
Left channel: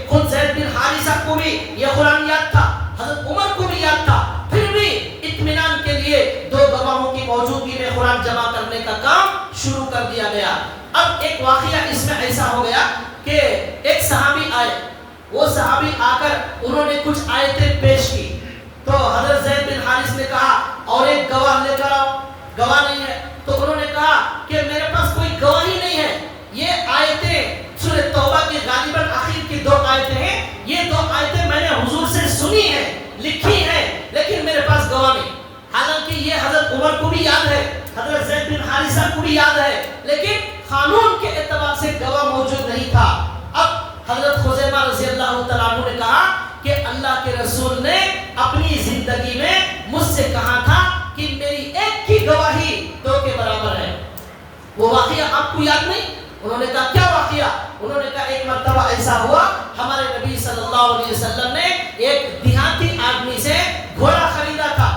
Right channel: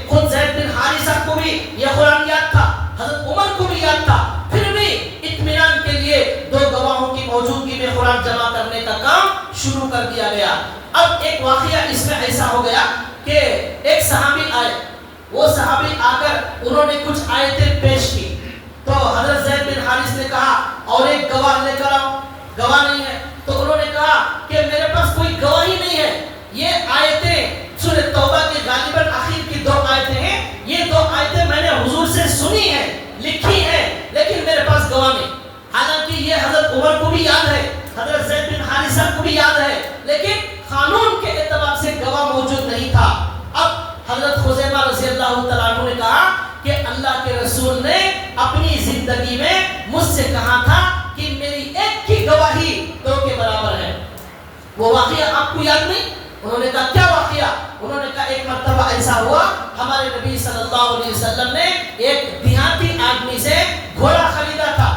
خود زید بن حارثہ کو بھی یہ قرآن یاد تھا، حضرت عمر کو بھی یاد تھا. پھر بھی اطمینان کے لیے دو گواہوں کی موجودگی میں قرآن جمع کرنے کا کام شروع کر دیا گیا. اب ایک واقعہ اس میں ایسا ہو گیا کہ ایک صحابی آئے. وہ صحابی آ کر انہوں نے کچھ آیتیں پیش کی تو حضرت زید بن حارث نے کہا اور ایک گواہ لے کر آؤ. گواہ نہیں ہے تو انہوں نے کہا کہ میرے پاس کوئی گواہی نہیں ہے. یہ آیتیں سورہ توبہ کے غالباً آخر کی دو آیتیں ہیں. یہ دو آیتیں میں نے حضور سے سنی ہیں، لکھی ہیں، لیکن میرے پاس گواہ نہیں. حالانکہ یہ حضرت عمر کو بھی یاد ہے، حضرت زید بن حارثہ کو بھی یاد ہے، لیکن قانون کے اعتبار سے گواہ یاد نہیں؟ انہوں نے کہا کیا واقعہ؟ انہوں نے کہا ایک مرتبہ ایسا ہوا ہمارے نبی صلی اللہ علیہ وسلم نے ایک دیہاتی آدمی سے گھوڑا خریدا تھا.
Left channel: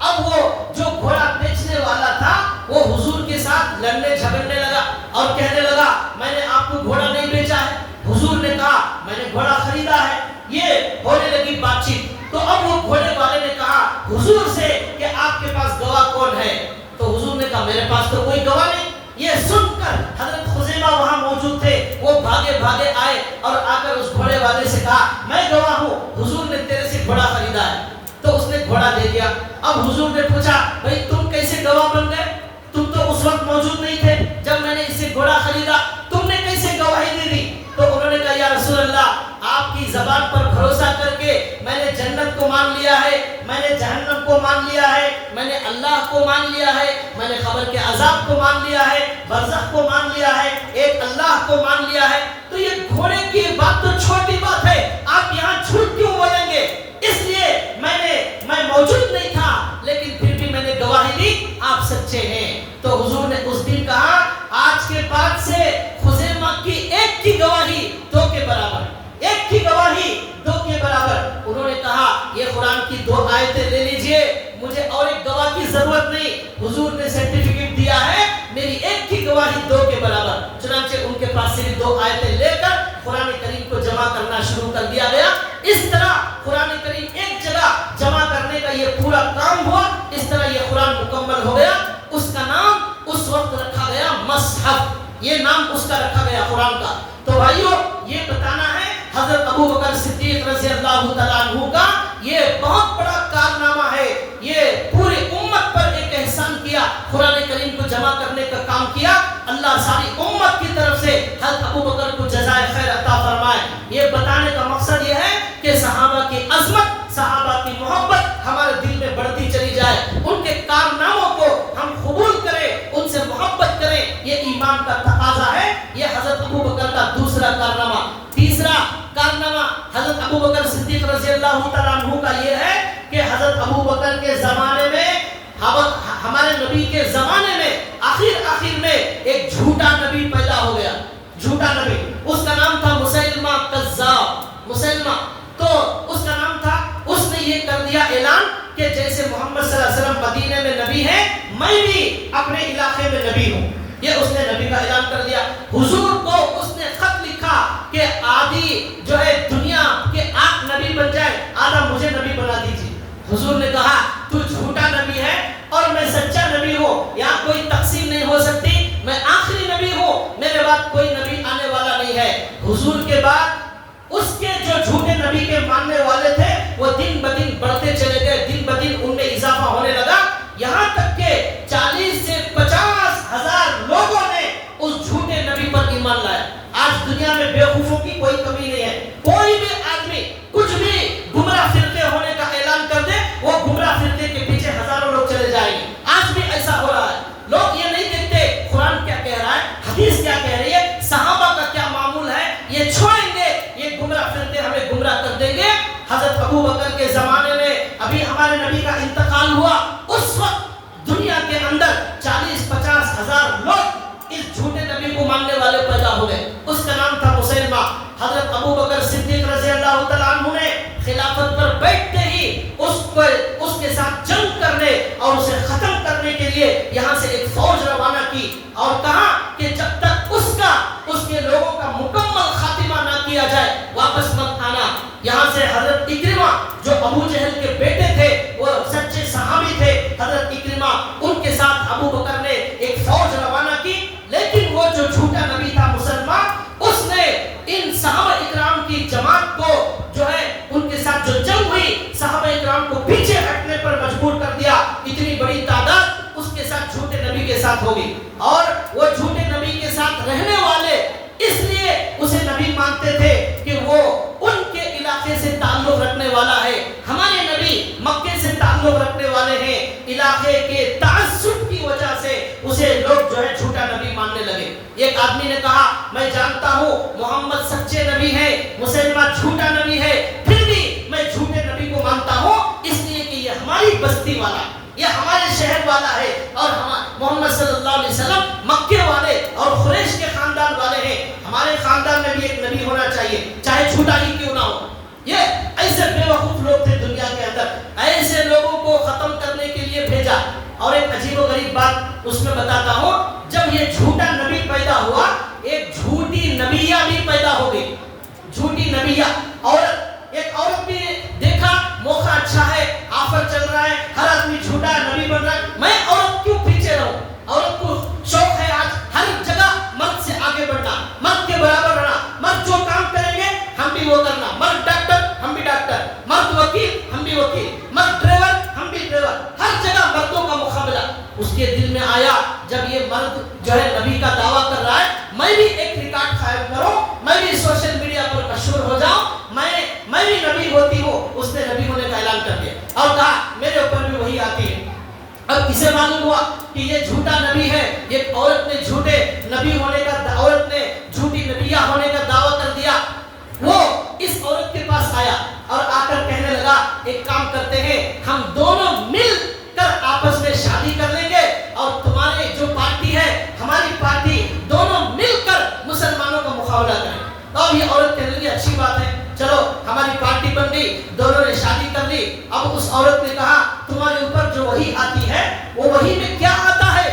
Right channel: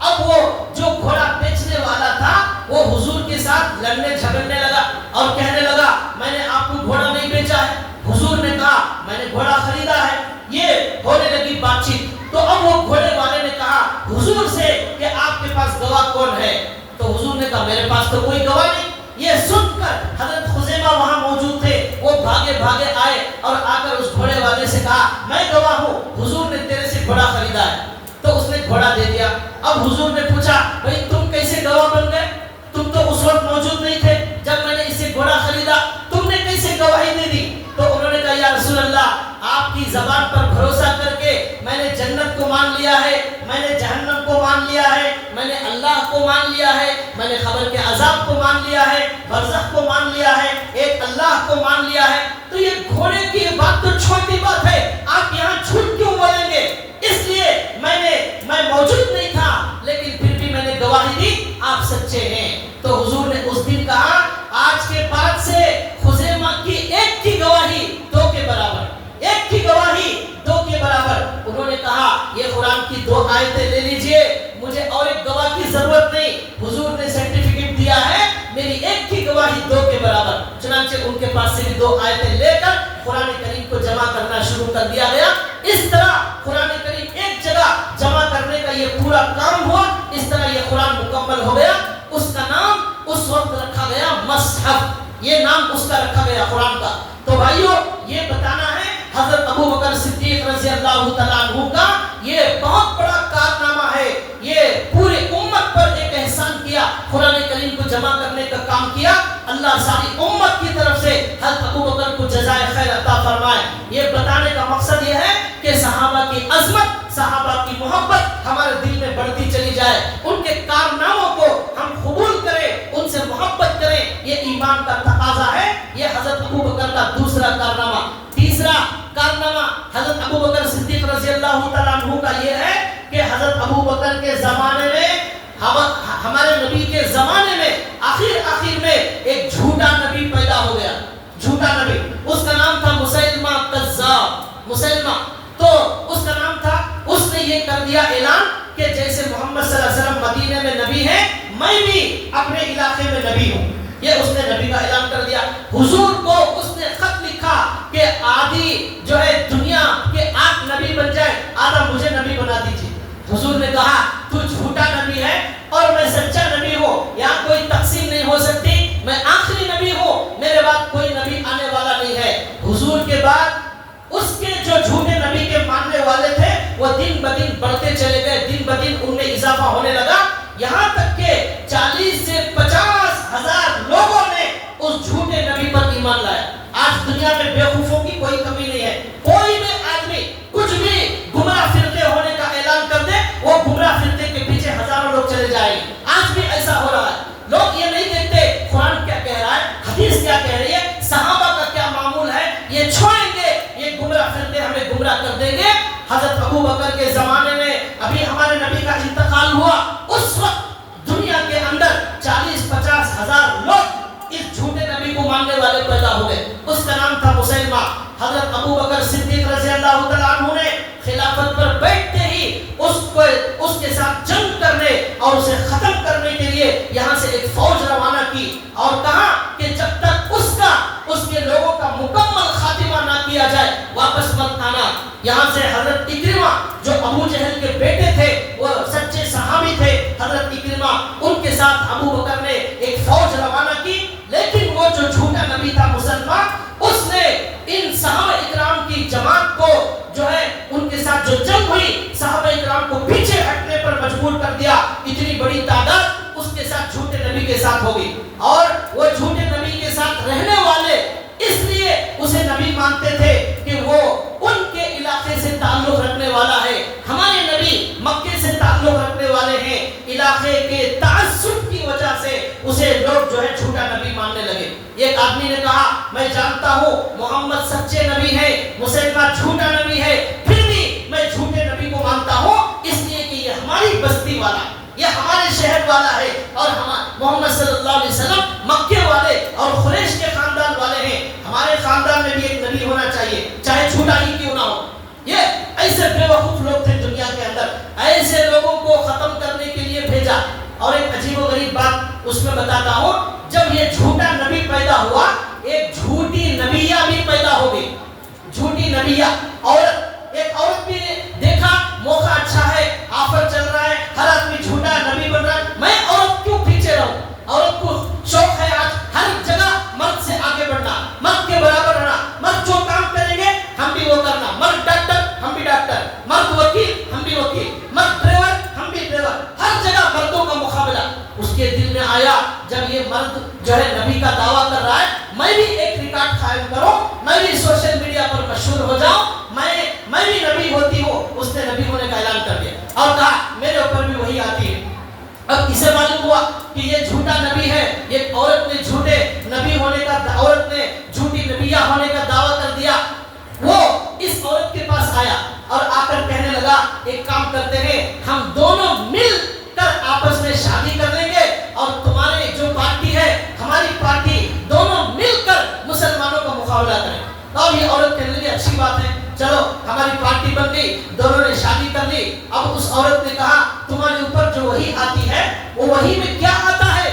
اب وہ جو گھوڑا بیچنے والا تھا وہ حضور کے ساتھ لڑنے جھگڑنے لگا اور کہنے لگا میں نے آپ کو گھوڑا نہیں بیچا ہے. حضور نے کہا میں نے گھوڑا خریدا ہے. یہ ہونے لگی بات چیت. تو اب وہ گھوڑے والے نے کہا حضور سے کہ آپ کے پاس گواہ کون ہے؟ تو حضور نے کہا میرے پاس تو کوئی گواہ نہیں. یہ سن کر حضرت خزیمہ وہاں موجود تھے، وہ بھاگے بھاگے آئے اور آ کر اس گھوڑے والے سے کہا میں گواہ ہوں، حضور نے تیرے سے گھوڑا خریدا ہے. تو اس نے گھوڑا دے دیا. اب حضور نے پوچھا بھائی تم کیسے گواہ بن گئے؟ تم تو اس وقت موجود نہیں تھے جب میں نے اسے گھوڑا خریدا، تم نے کیسے گواہی دے دی؟ تو انہوں نے کہا یا رسول اللہ آپ کی زبان پر بھروسہ کر کے میں نے جنت کو مان لیا ہے، میں نے جہنم کو مان لیا ہے، میں نے اللہ کو مان لیا ہے، میں نے قبر کے عذاب کو مان لیا ہے، برزخ کو مان لیا ہے، ایک اللہ کو مان لیا ہے. تو یہ گھوڑے کی بات تو چھوٹی بات ہے، آپ یہاں جھوٹ کیوں بولیں گے؟ اس لیے میں موجود نہیں تھا لیکن پھر بھی میں نے گواہی دی آپ سچے ہیں. تو حضور نے اس دن کہا آج کے بعد سے خزیمہ کی ایک کی گواہی دو کے برابر، ایک کی گواہی دو کے برابر. انہوں نے کہا یہ قرآن کی 2 آیتیں لے لیجئے، مجھے اور ایک گواہ کی ضرورت نہیں، حضور نے سرٹیفکیٹ دیا ہے میری ایک کی گواہی 2 کے برابر. چنانچہ ان کے پاس سے بھی 2 آیتیں لے کر قرآن کریم کو جمع کرنا شروع کر دیا گیا. اس طرح قرآن کریم ایک جگہ جمع کرنے کا یہ پورا کام ہوا. اس طرح یہ قرآن مکمل ہو گیا. اس کا نام اس وقت رکھا گیا مصحف، یہ نام اس کا رکھا گیا قرآن کا. تو بھائیو یہ بتانا ہے حضرت ابو بکر صدیق رضی اللہ تعالیٰ عنہ کا یہ بہت بڑا کارنامہ ہے. یہ پوری امت پر ایک احسان کیا، قرآن کریم کو جمع کرنے کا کام کیا. اللہ ساری امت کی طرف سے حضرت ابو بکر کو جزائے خیر عطا فرمائے. یہ بتانے کا مقصد یہ ہے کہ صحابہ کی عظمت، صحابہ کی محبت ہمارے دل میں بڑھتی چلی جائے، ان کے کارناموں کو ہم قبول کریں، ان سے محبت کریں. یہ ایمان کا تقاضا ہے. یہ حضرت ابو بکر کا دوسرا کارنامہ. تیسرا کارنامہ حضرت ابو بکر صدیق رضی اللہ تعالیٰ عنہ کا یہ ہے کہ حضرت ابو بکر کے زمانے میں، ہمارے نبی کے زمانے میں آخر میں ایک جھوٹا نبی پیدا ہو گیا. جھوٹا نبی، اس کا نام تھا مسیلمہ کذاب. مسیلمہ تو اس کا نام تھا. اس نے یہ کر دیا اعلان کہ جیسے محمد صلی اللہ علیہ وسلم مدینے میں نبی ہے، میں بھی اپنے علاقے میں نبی ہوں. یہ اس نے نبی کا اعلان کر دیا. حضور کو اس نے خط لکھا کہ آدھی جو ہے دنیا کے آپ نبی بن جائے، آدھا مجھے نبی بنا دیجیے. حضور نے کہا تو جھوٹا نبی ہے اور میں سچا نبی ہوں، یہاں کوئی تقسیم نہیں ہو سکتی. میں آخری نبی ہوں، میرے بعد کوئی نبی آنے والا نہیں ہے. حضور کے بعد اس کے جو جھوٹے نبی کے ماننے والے تھے وہ دن بدن بڑھتے چلے گئے، دن بدن ان میں اضافہ ہونے لگا. یہاں تک کہ 40 سے 50 ہزار لوگوں نے اس جھوٹے نبی پر ایمان لایا. آج دنیا میں بیوقوفوں کی کوئی کمی نہیں ہے. کوئی بھی آدمی کچھ بھی گمراہ فرقے ہونے کا اعلان کر دے، وہ گمراہ فرقے کے پیچھے ہزاروں لوگ چلے جائیں گے. آج بھی ایسا ہو رہا ہے. لوگ یہ نہیں دیکھتے قرآن کیا کہہ رہا ہے، حدیث کیا کہہ رہی ہے، صحابہ کا کیا معمول ہے. یہ چھوڑیں گے، یہ گمراہ فرقے ہمیں گمراہ کر دیں گے. حضرت ابو بکر کے زمانے میں ابھی ہمارے نبی کا انتقال ہوا، اس وقت دنیا کے اندر 40-50 ہزار لوگ اس جھوٹے نبی کو ماننے والے پیدا ہوئے. اس کا نام تھا مسیلمہ. حضرت ابو بکر صدیق رضی اللہ تعالیٰ عنہ نے خلافت پر بیٹھتے ہی اس کے ساتھ جنگ کرنے اور اسے ختم کرنے کے لیے یہاں سے ایک فوج روانہ کی اور کہا کہ جب تک اس کے لوگوں کا مکمل خاتمہ نہ کیا جائے واپس مت آنا. یہاں سے حضرت اکرمہ جو ابو جہل کے بیٹے تھے، وہ سچے صحابی تھے، حضرت اکرمہ ان کے ساتھ ابو بکر نے ایک فوج روانہ کی. لیکن وہ جو جھوٹا نبی تھا مسلمان، اس نے ان صحابہ اکرام کی جماعت کو جو ہے ان کے ساتھ جو جنگ ہوئی، صحابہ اکرام کو پیچھے ہٹنے پر مجبور کر دیا. اتنی بڑی تعداد اس کے ساتھ جھوٹے نبی کے ساتھ ہوگی اور وہ جھوٹے نبی کے ساتھ رہنے والے اس لیے اسے نبی مانتے تھے کہ وہ ان کے علاقے سے تعلق رکھنے والا ہے. ہمارے نبی مکے سے تعلق رکھنے والے ہیں. علاقے کے تعصب کی وجہ سے اسے لوگ جو ہے جھوٹا نبی ماننے لگے. ایک آدمی نے کہا میں جانتا ہوں محمد سچے نبی ہے، مسیلمہ جھوٹا نبی ہے، پھر بھی میں جھوٹے نبی کو مانتا ہوں اس لیے کہ یہ ہماری بستی والا ہے، یہ ہمارے شہر والا ہے اور محمد صلی اللہ علیہ وسلم مکے والے اور اور قریش کے خاندان والے ہیں، ہمارے خاندان میں بھی ایک نبی ہونا چاہیے، چاہے جھوٹا ہی کیوں نہ ہو۔ یہ ایسے بے وقوف لوگ تھے دنیا کے اندر، ایسے لوگوں کو ختم کرنے کے لیے بھیجا۔ اور ایک عجیب و غریب بات اس میں بتاتا ہوں، جب یہ جھوٹا نبی پیدا ہوا، ایک جھوٹی نبیہ بھی پیدا ہو گئی، جھوٹی نبیہ۔ اور ایک عورت بھی دیکھا موقع اچھا ہے، آفر چل رہا ہے، ہر آدمی جھوٹا نبی بن رہا ہے، میں عورت کیوں پیچھے رہوں؟ عورت کو شوق ہے آج ہر جگہ مرد سے آگے بڑھنا، مرد کے برابر رہنا، مرد جو کام کریں گے ہم بھی وہ کرنا، مرد ڈاکٹر ہم بھی ڈاکٹر، مرد وکیل ہم بھی وکیل، مرد ڈرائیور ہم بھی ڈرائیور، ہر جگہ مردوں کا مقابلہ۔ اس کے دل میں آیا جب یہ مرد جو ہے نبی کا دعویٰ کر رہا ہے، میں بھی ایک ریکارڈ قائم کروں، میں بھی سوشل میڈیا پر مشہور ہو جاؤں، میں بھی نبی ہوتی ہوں۔ اس نے نبی ہونے کا اعلان کر دیا اور کہا میرے اوپر بھی وہی آتی ہے۔ اب اسے معلوم ہوا کہ یہ جھوٹا نبی ہے، ایک عورت نے جھوٹے نبی ہونے کا، عورت نے جھوٹی نبیہ ہونے کا دعویٰ کر دیا۔ وہ اس عورت کے پاس آیا اور آ کر کہنے لگا ایک کام کرتے ہیں، ہم دونوں مل کر آپس میں شادی کر لیں گے اور تمہاری جو پارٹی ہے ہماری پارٹی، دونوں مل کر مسلمانوں کا مقابلہ کریں۔ اور یہ عورت کہنے لگی اچھی بات ہے، چلو ہماری پارٹی بن گئی، دونوں نے شادی کر لی۔ اب اس عورت نے کہا تمہارے اوپر جو وحی آتی ہے وہ وحی میں کیا آتا ہے،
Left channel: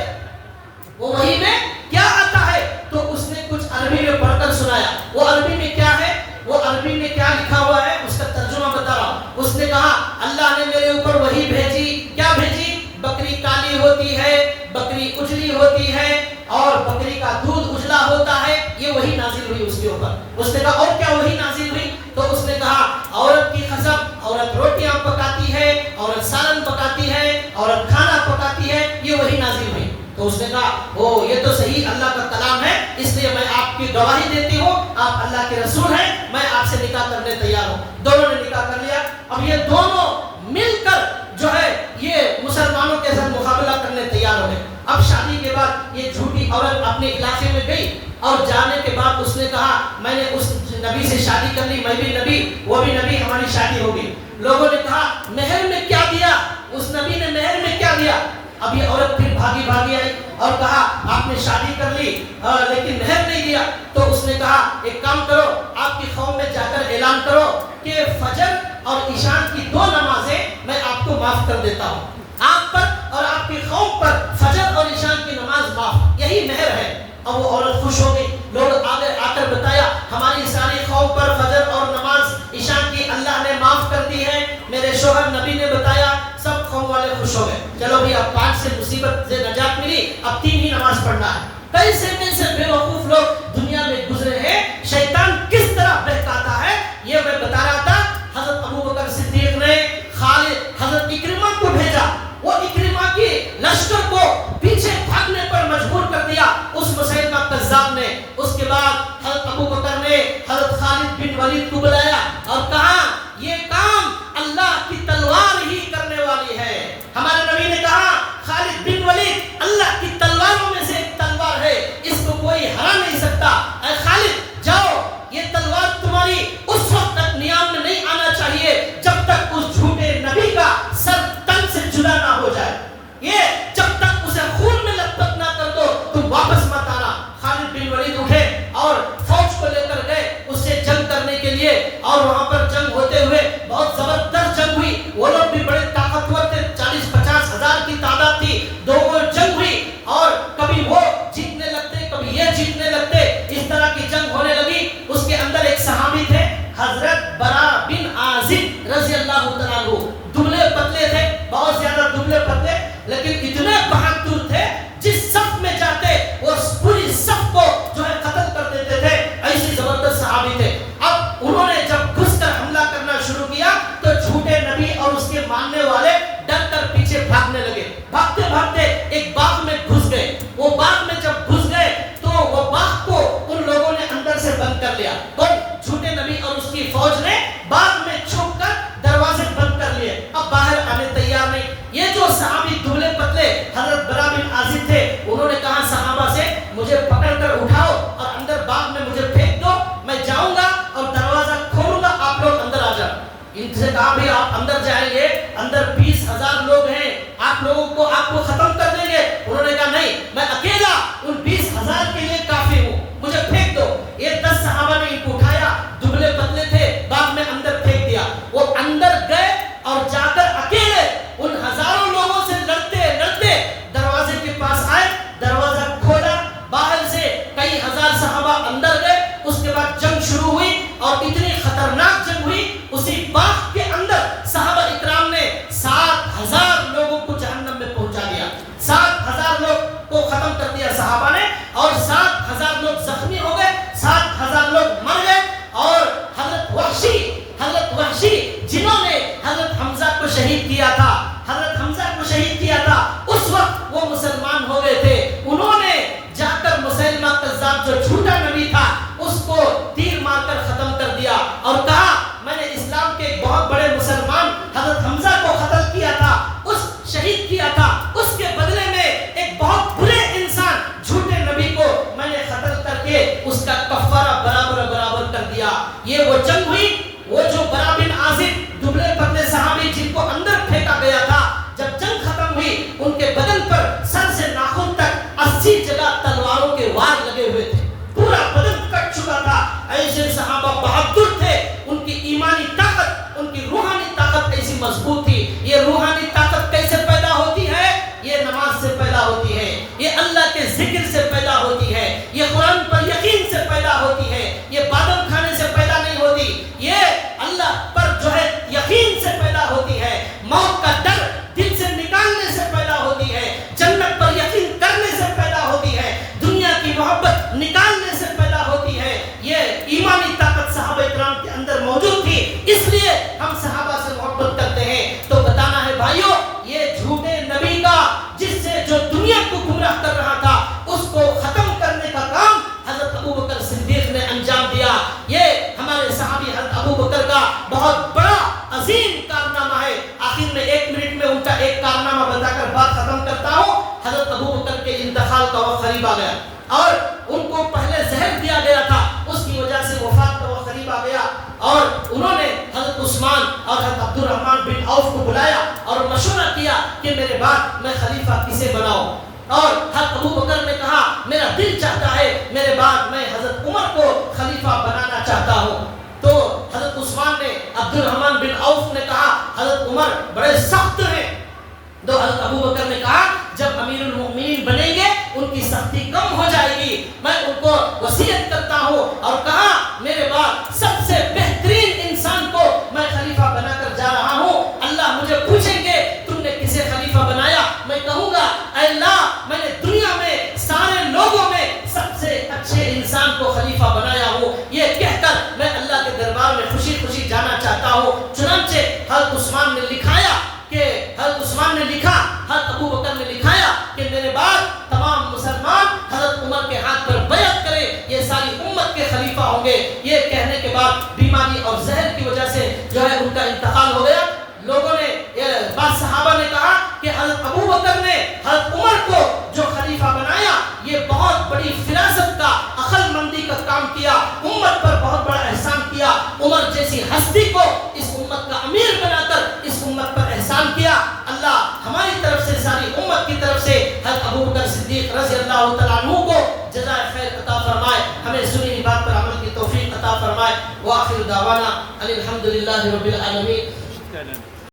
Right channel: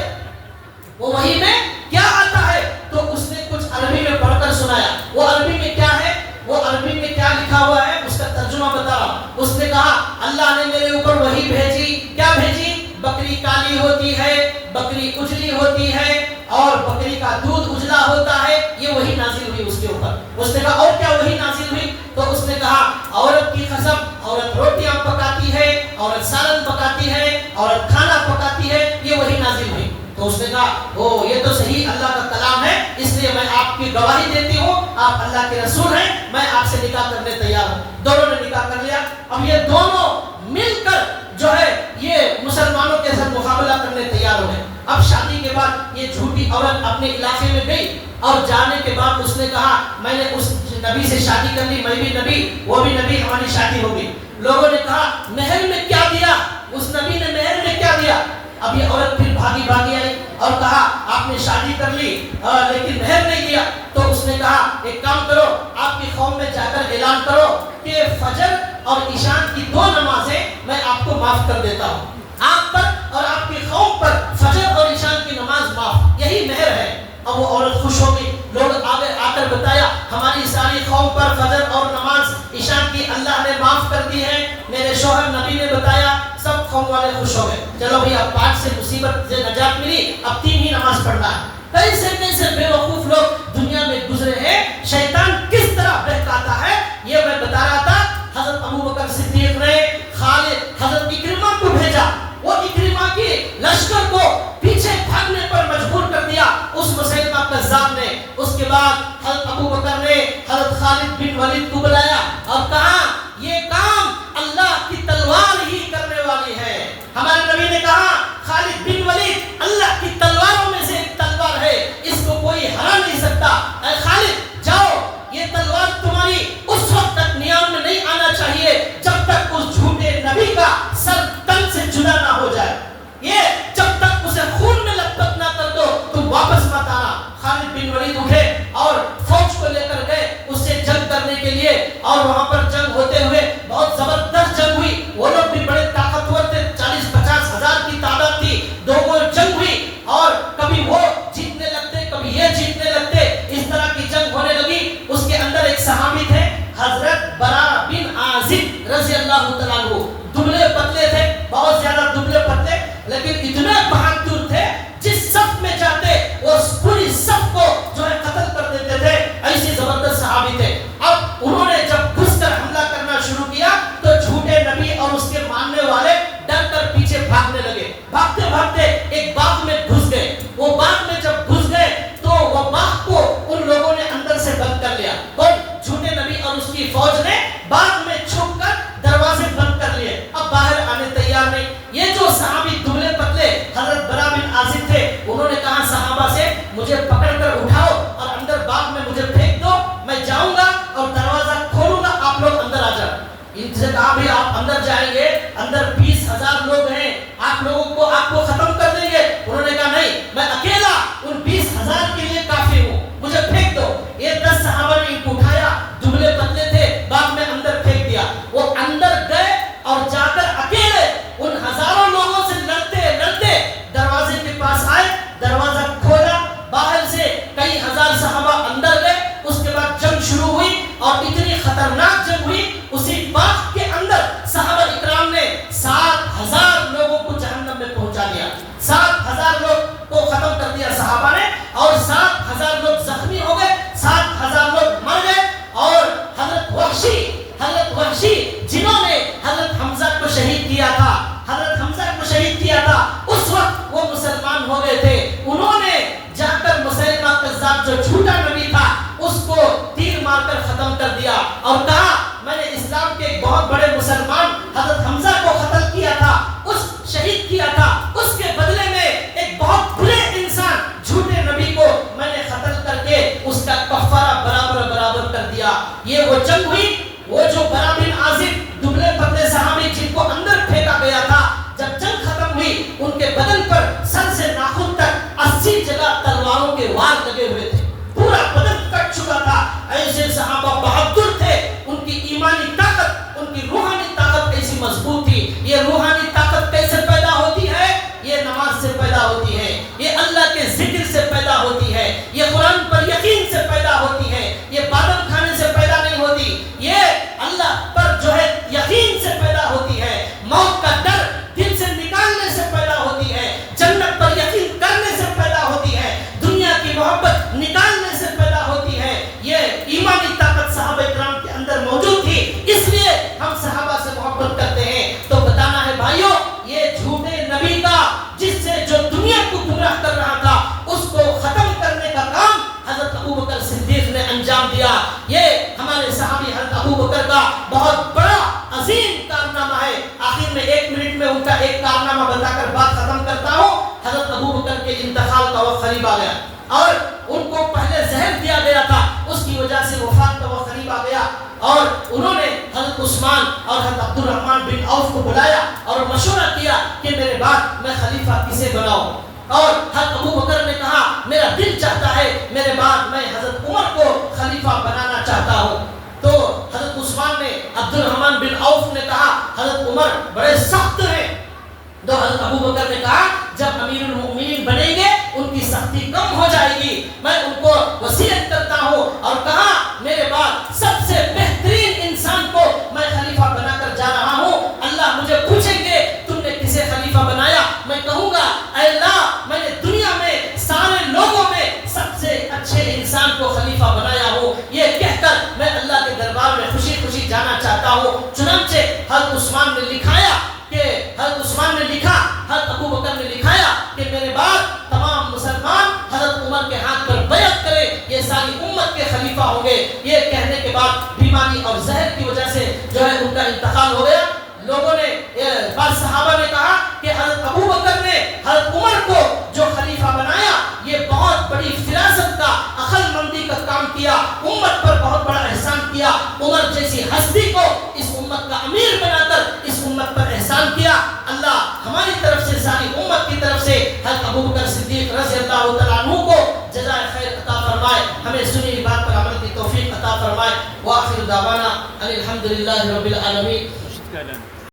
وہ وحی میں کیا آتا ہے؟ تو اس نے کچھ عربی میں پڑھ کر سنایا۔ وہ عربی میں کیا ہے، وہ عربی میں کیا لکھا ہوا ہے اس کا ترجمہ بتا رہا ہوں۔ اس نے کہا اللہ نے میرے اوپر وحی بھیجی، کیا بھیجی؟ بکری کالی ہوتی ہے، بکری اجلی ہوتی ہے اور بکری کا دودھ اجلا ہوتا ہے، یہ وحی نازل ہوئی اس کے اوپر۔ اس نے کہا اور کیا وحی نازل ہوئی؟ تو اس نے کہا عورت کی قسم، عورت روٹیاں پکاتی ہے، عورت سالن پکاتی ہے، عورت کھانا پکاتی ہے، یہ وحی نازل ہوئی۔ تو اس نے کہا او یہ تو صحیح اللہ کا کلام ہے، اس لیے میں آپ کی گواہی دیتی ہوں، آپ اللہ کے رسول ہیں، میں آپ سے نکاح کرنے تیار ہوں۔ دونوں نے نکاح کر لیا۔ اب یہ دونوں مل کر جو ہے یہ مسلمانوں کے ساتھ مقابلہ کرنے تیار ہو گئے۔ اب شادی کے بعد یہ جھوٹی عورت اپنے علاقے میں گئی اور جانے کے بعد اس نے کہا میں نے اس نبی سے شادی کر لی، میں بھی نبی وہ بھی نبی، ہماری شادی ہو گئی۔ لوگوں نے کہا مہر میں کیا دیا؟ اس نبی نے مہر میں کیا دیا؟ اب یہ عورت پھر بھاگی آئی اور کہا آپ نے شادی کر لی لیکن مہر نہیں دیا۔ تو اس نے کہا ایک کام کرو، آپ کی قوم میں جا کر اعلان کرو کہ فجر اور عشاء کی 2 نمازیں میں آپ کو معاف کر دیتا ہوں، آپ پر اور آپ کی قوم پر فجر اور عشاء کی نماز معاف، یہی مہر ہے۔ اب وہ عورت خوش ہو گئی، لوگ آگے آ کر بتایا ہماری ساری قوم پر فجر اور نماز عشاء کی اللہ نے معاف کر دی ہے، میرے شوہر نبی نے بتایا، سب قوم والے خوش ہو گئے۔ چلو بھئی اب 5 سے مصیبت سے نجات ملی، اب 3 ہی نماز پڑھنا ہے۔ کیسے کیسے بے وقوف لوگ دنیا میں گزرے ہیں، شیطان کس طرح بہکاتا ہے یہ میں بتا رہا تھا۔ حضرت ابوبکر صدیق نے حضرت اکرمہ کو بھیجا، وہ اکرمہ کی لشکر کو پیچھے بھاگنے پر مجبور کر دیا اس مسیلمہ کذاب نے۔ اس کے بعد حضرت ابوبکر نے حضرت خالد بن ولید کو بلایا اور کہا یہ کام اللہ کی تلوار ہی کرنے والی ہے۔ ہمارے نبی نے کہا خالد بن ولید اللہ کی تلواروں میں سے ایک تلوار ہے، اس کو کوئی ہرا نہیں سکتا۔ اے خالد جاؤ، یہ تلوار تمہاری اس وقت تک نیام میں نہیں آنا چاہیے جب تک اس جھوٹے نبی کا سر تن سے جدا نہ ہو جائے، یہ جب تک اسے خون میں لپٹ نہ کر دو تم واپس مت آنا۔ خالد بن ولید اٹھے اور فوج کو لے کر گئے اس سے جنگ کرنے کے لیے، اور وہاں پر جنگ صحابہ اندر گئے. اس کے بعد جنگ شروع ہوئی اور اتنی خطرناک جنگ ہوئی. اسی باغ کے اندر صحابہ اکرام نے 7,000 لوگوں کو جہنم میں پہنچا دیا. 7,000 لوگ کو ختم کر دیا صحابہ نے, اور 7,000 لوگ زخمی ہو گئے, 7,000 لوگ مر گئے. اور حضرت وحشی جنہوں نے حضرت حمزہ کو شہید کیا تھا, اس وقت وہ مسلمان ہو گئے تھے. انہوں نے جا کر مسلمہ کذاب جو جھوٹا نبی تھا اس کو تیر مار کر ختم کر دیا اور کہا میں نے اسلام کے ایک بہت بڑے مسلمان حضرت حمزہ کو قتل کیا تھا, شہید کیا تھا, اس کے بدلے میں ایک بہت برے انسان جھوٹے نبی کو میں نے قتل کر کے اس کا کفارہ برابر کر دیا. یہ وہ جنگ ہوئی, وہ جو برا بن عازب دبلے پتلے صحابی جن کو اندر پھینکا گیا تھا, جب جنگ ختم ہوئی ان کے بدن پر سر سے ناخن تک 80 جگہ تلواروں کے وار لگے ہوئے تھے, پورا بدن کٹ چکا تھا. ایسے صحابہ بہادر تھے, ان کی ایمانی طاقت, ان کی روحانی طاقت ایسی مضبوط تھی. یہ روحانی طاقت کیسے پیدا ہوتی ہے؟ یہ نماز سے پیدا ہوتی ہے, یہ اللہ کے ذکر سے پیدا ہوتی ہے, یہ قرآن پر یقین سے پیدا ہوتی ہے, یہ بادام کھانے سے پیدا نہیں ہوتی, یہ اللہ پر جو ہے یقین سے پیدا ہوتی ہے, موت کا ڈر دل سے نکالنے سے پیدا ہوتی ہے, جنت پر یقین کرنے سے پیدا ہوتی ہے, دنیا کی محبت نکالنے سے پیدا ہوتی ہے. یہ ایمانی طاقت صحابہ کرام کے اندر موجود تھی, اس لیے ہم صحابہ سے محبت کرتے ہیں. تو بتانا ہے بھائیوں, یہ جھوٹے نبی کا جس سے جو دنیا کو گمراہ کر رہا تھا اس کو ختم کرنے کا کام حضرت ابوبکر صدیق نے انجام دیا. یہ ہمارے صحابی حضرت ابوبکر کا بہت بڑا عظیم کارنامہ ہے. آخر میں 1 منٹ میں ان کا ایک کارنامہ بتا کر بات ختم کرتا ہوں. حضرت ابوبکر کے انتقال کا وقت قریب آ گیا اور ان کو پہلے زہر دیا گیا تھا, اس کی وجہ سے وفات کا وقت قریب آ گیا, اور انہوں نے حضرت عثمان اور حضرت عبد الرحمن بن عوف کو بلایا اور مشورہ کیا کہ میرے بعد میں خلیفہ کسے بناؤں. اور حضرت ابوبکر نے کہا میرا دل چاہتا ہے میرے بعد میں حضرت عمر کو خلیفہ بنانا چاہتا ہوں. تو حضرت عثمان نے, عبد الرحمن بن عوف نے کہا حضرت عمر بڑے سخت ہیں. تو حضرت ابوبکر نے کہا جب امیر المؤمنین بنیں گے ان کی سختی کم ہو جائے گی, میں ان کو وصیت کرتا ہوں. اور کہا میرے بعد سب سے بہترین انسان کو میں خلیفہ بنا کر جا رہا ہوں. اللہ مجھے پوچھیں گے تم نے کسے خلیفہ بنایا, میں کہوں گا اے اللہ میں نے دنیا میں سارے لوگوں میں سب سے اچھے انسان کو خلیفہ بنایا ہوں. یہ کہہ کر میں اللہ کے دربار میں خوشی خوشی جانا چاہتا ہوں. چنانچہ حضرت عثمان نے لکھایا کہ حضرت ابوبکر نے لکھایا کہ میرے بعد تمام مسلمان حضرت عمر کے ہاتھ پر بیعت کریں, یہ ساری امت کے خلیفہ ہوں گے. یہ کہنے کے بعد بیماری اور زہر کی وجہ سے جو ہے ان کا انتقال ہو گیا. لوگوں نے, بعض صحابہ نے کہا کہ حضرت ابوبکر نے حضرت عمر کو جو خلیفہ بنایا یہ بہت بڑی فراست کا, عقل مندی کا کام کیا, امت پر بہت بڑا احسان کیا. عمر جیسی ہستی کو اس امت کا امیر بنا کر اس امت پر احسان کیا. اللہ ہماری طرف سے, ساری امت کی طرف سے حضرت ابوبکر صدیق رضی اللہ تعالیٰ عنہ کو جزائے خیر عطا فرمائے, ہمیں سنی ہوئی بات پر عمل کی توفیق عطا فرمائے. وآخر دعوانا ان الحمد للہ رب العالمین.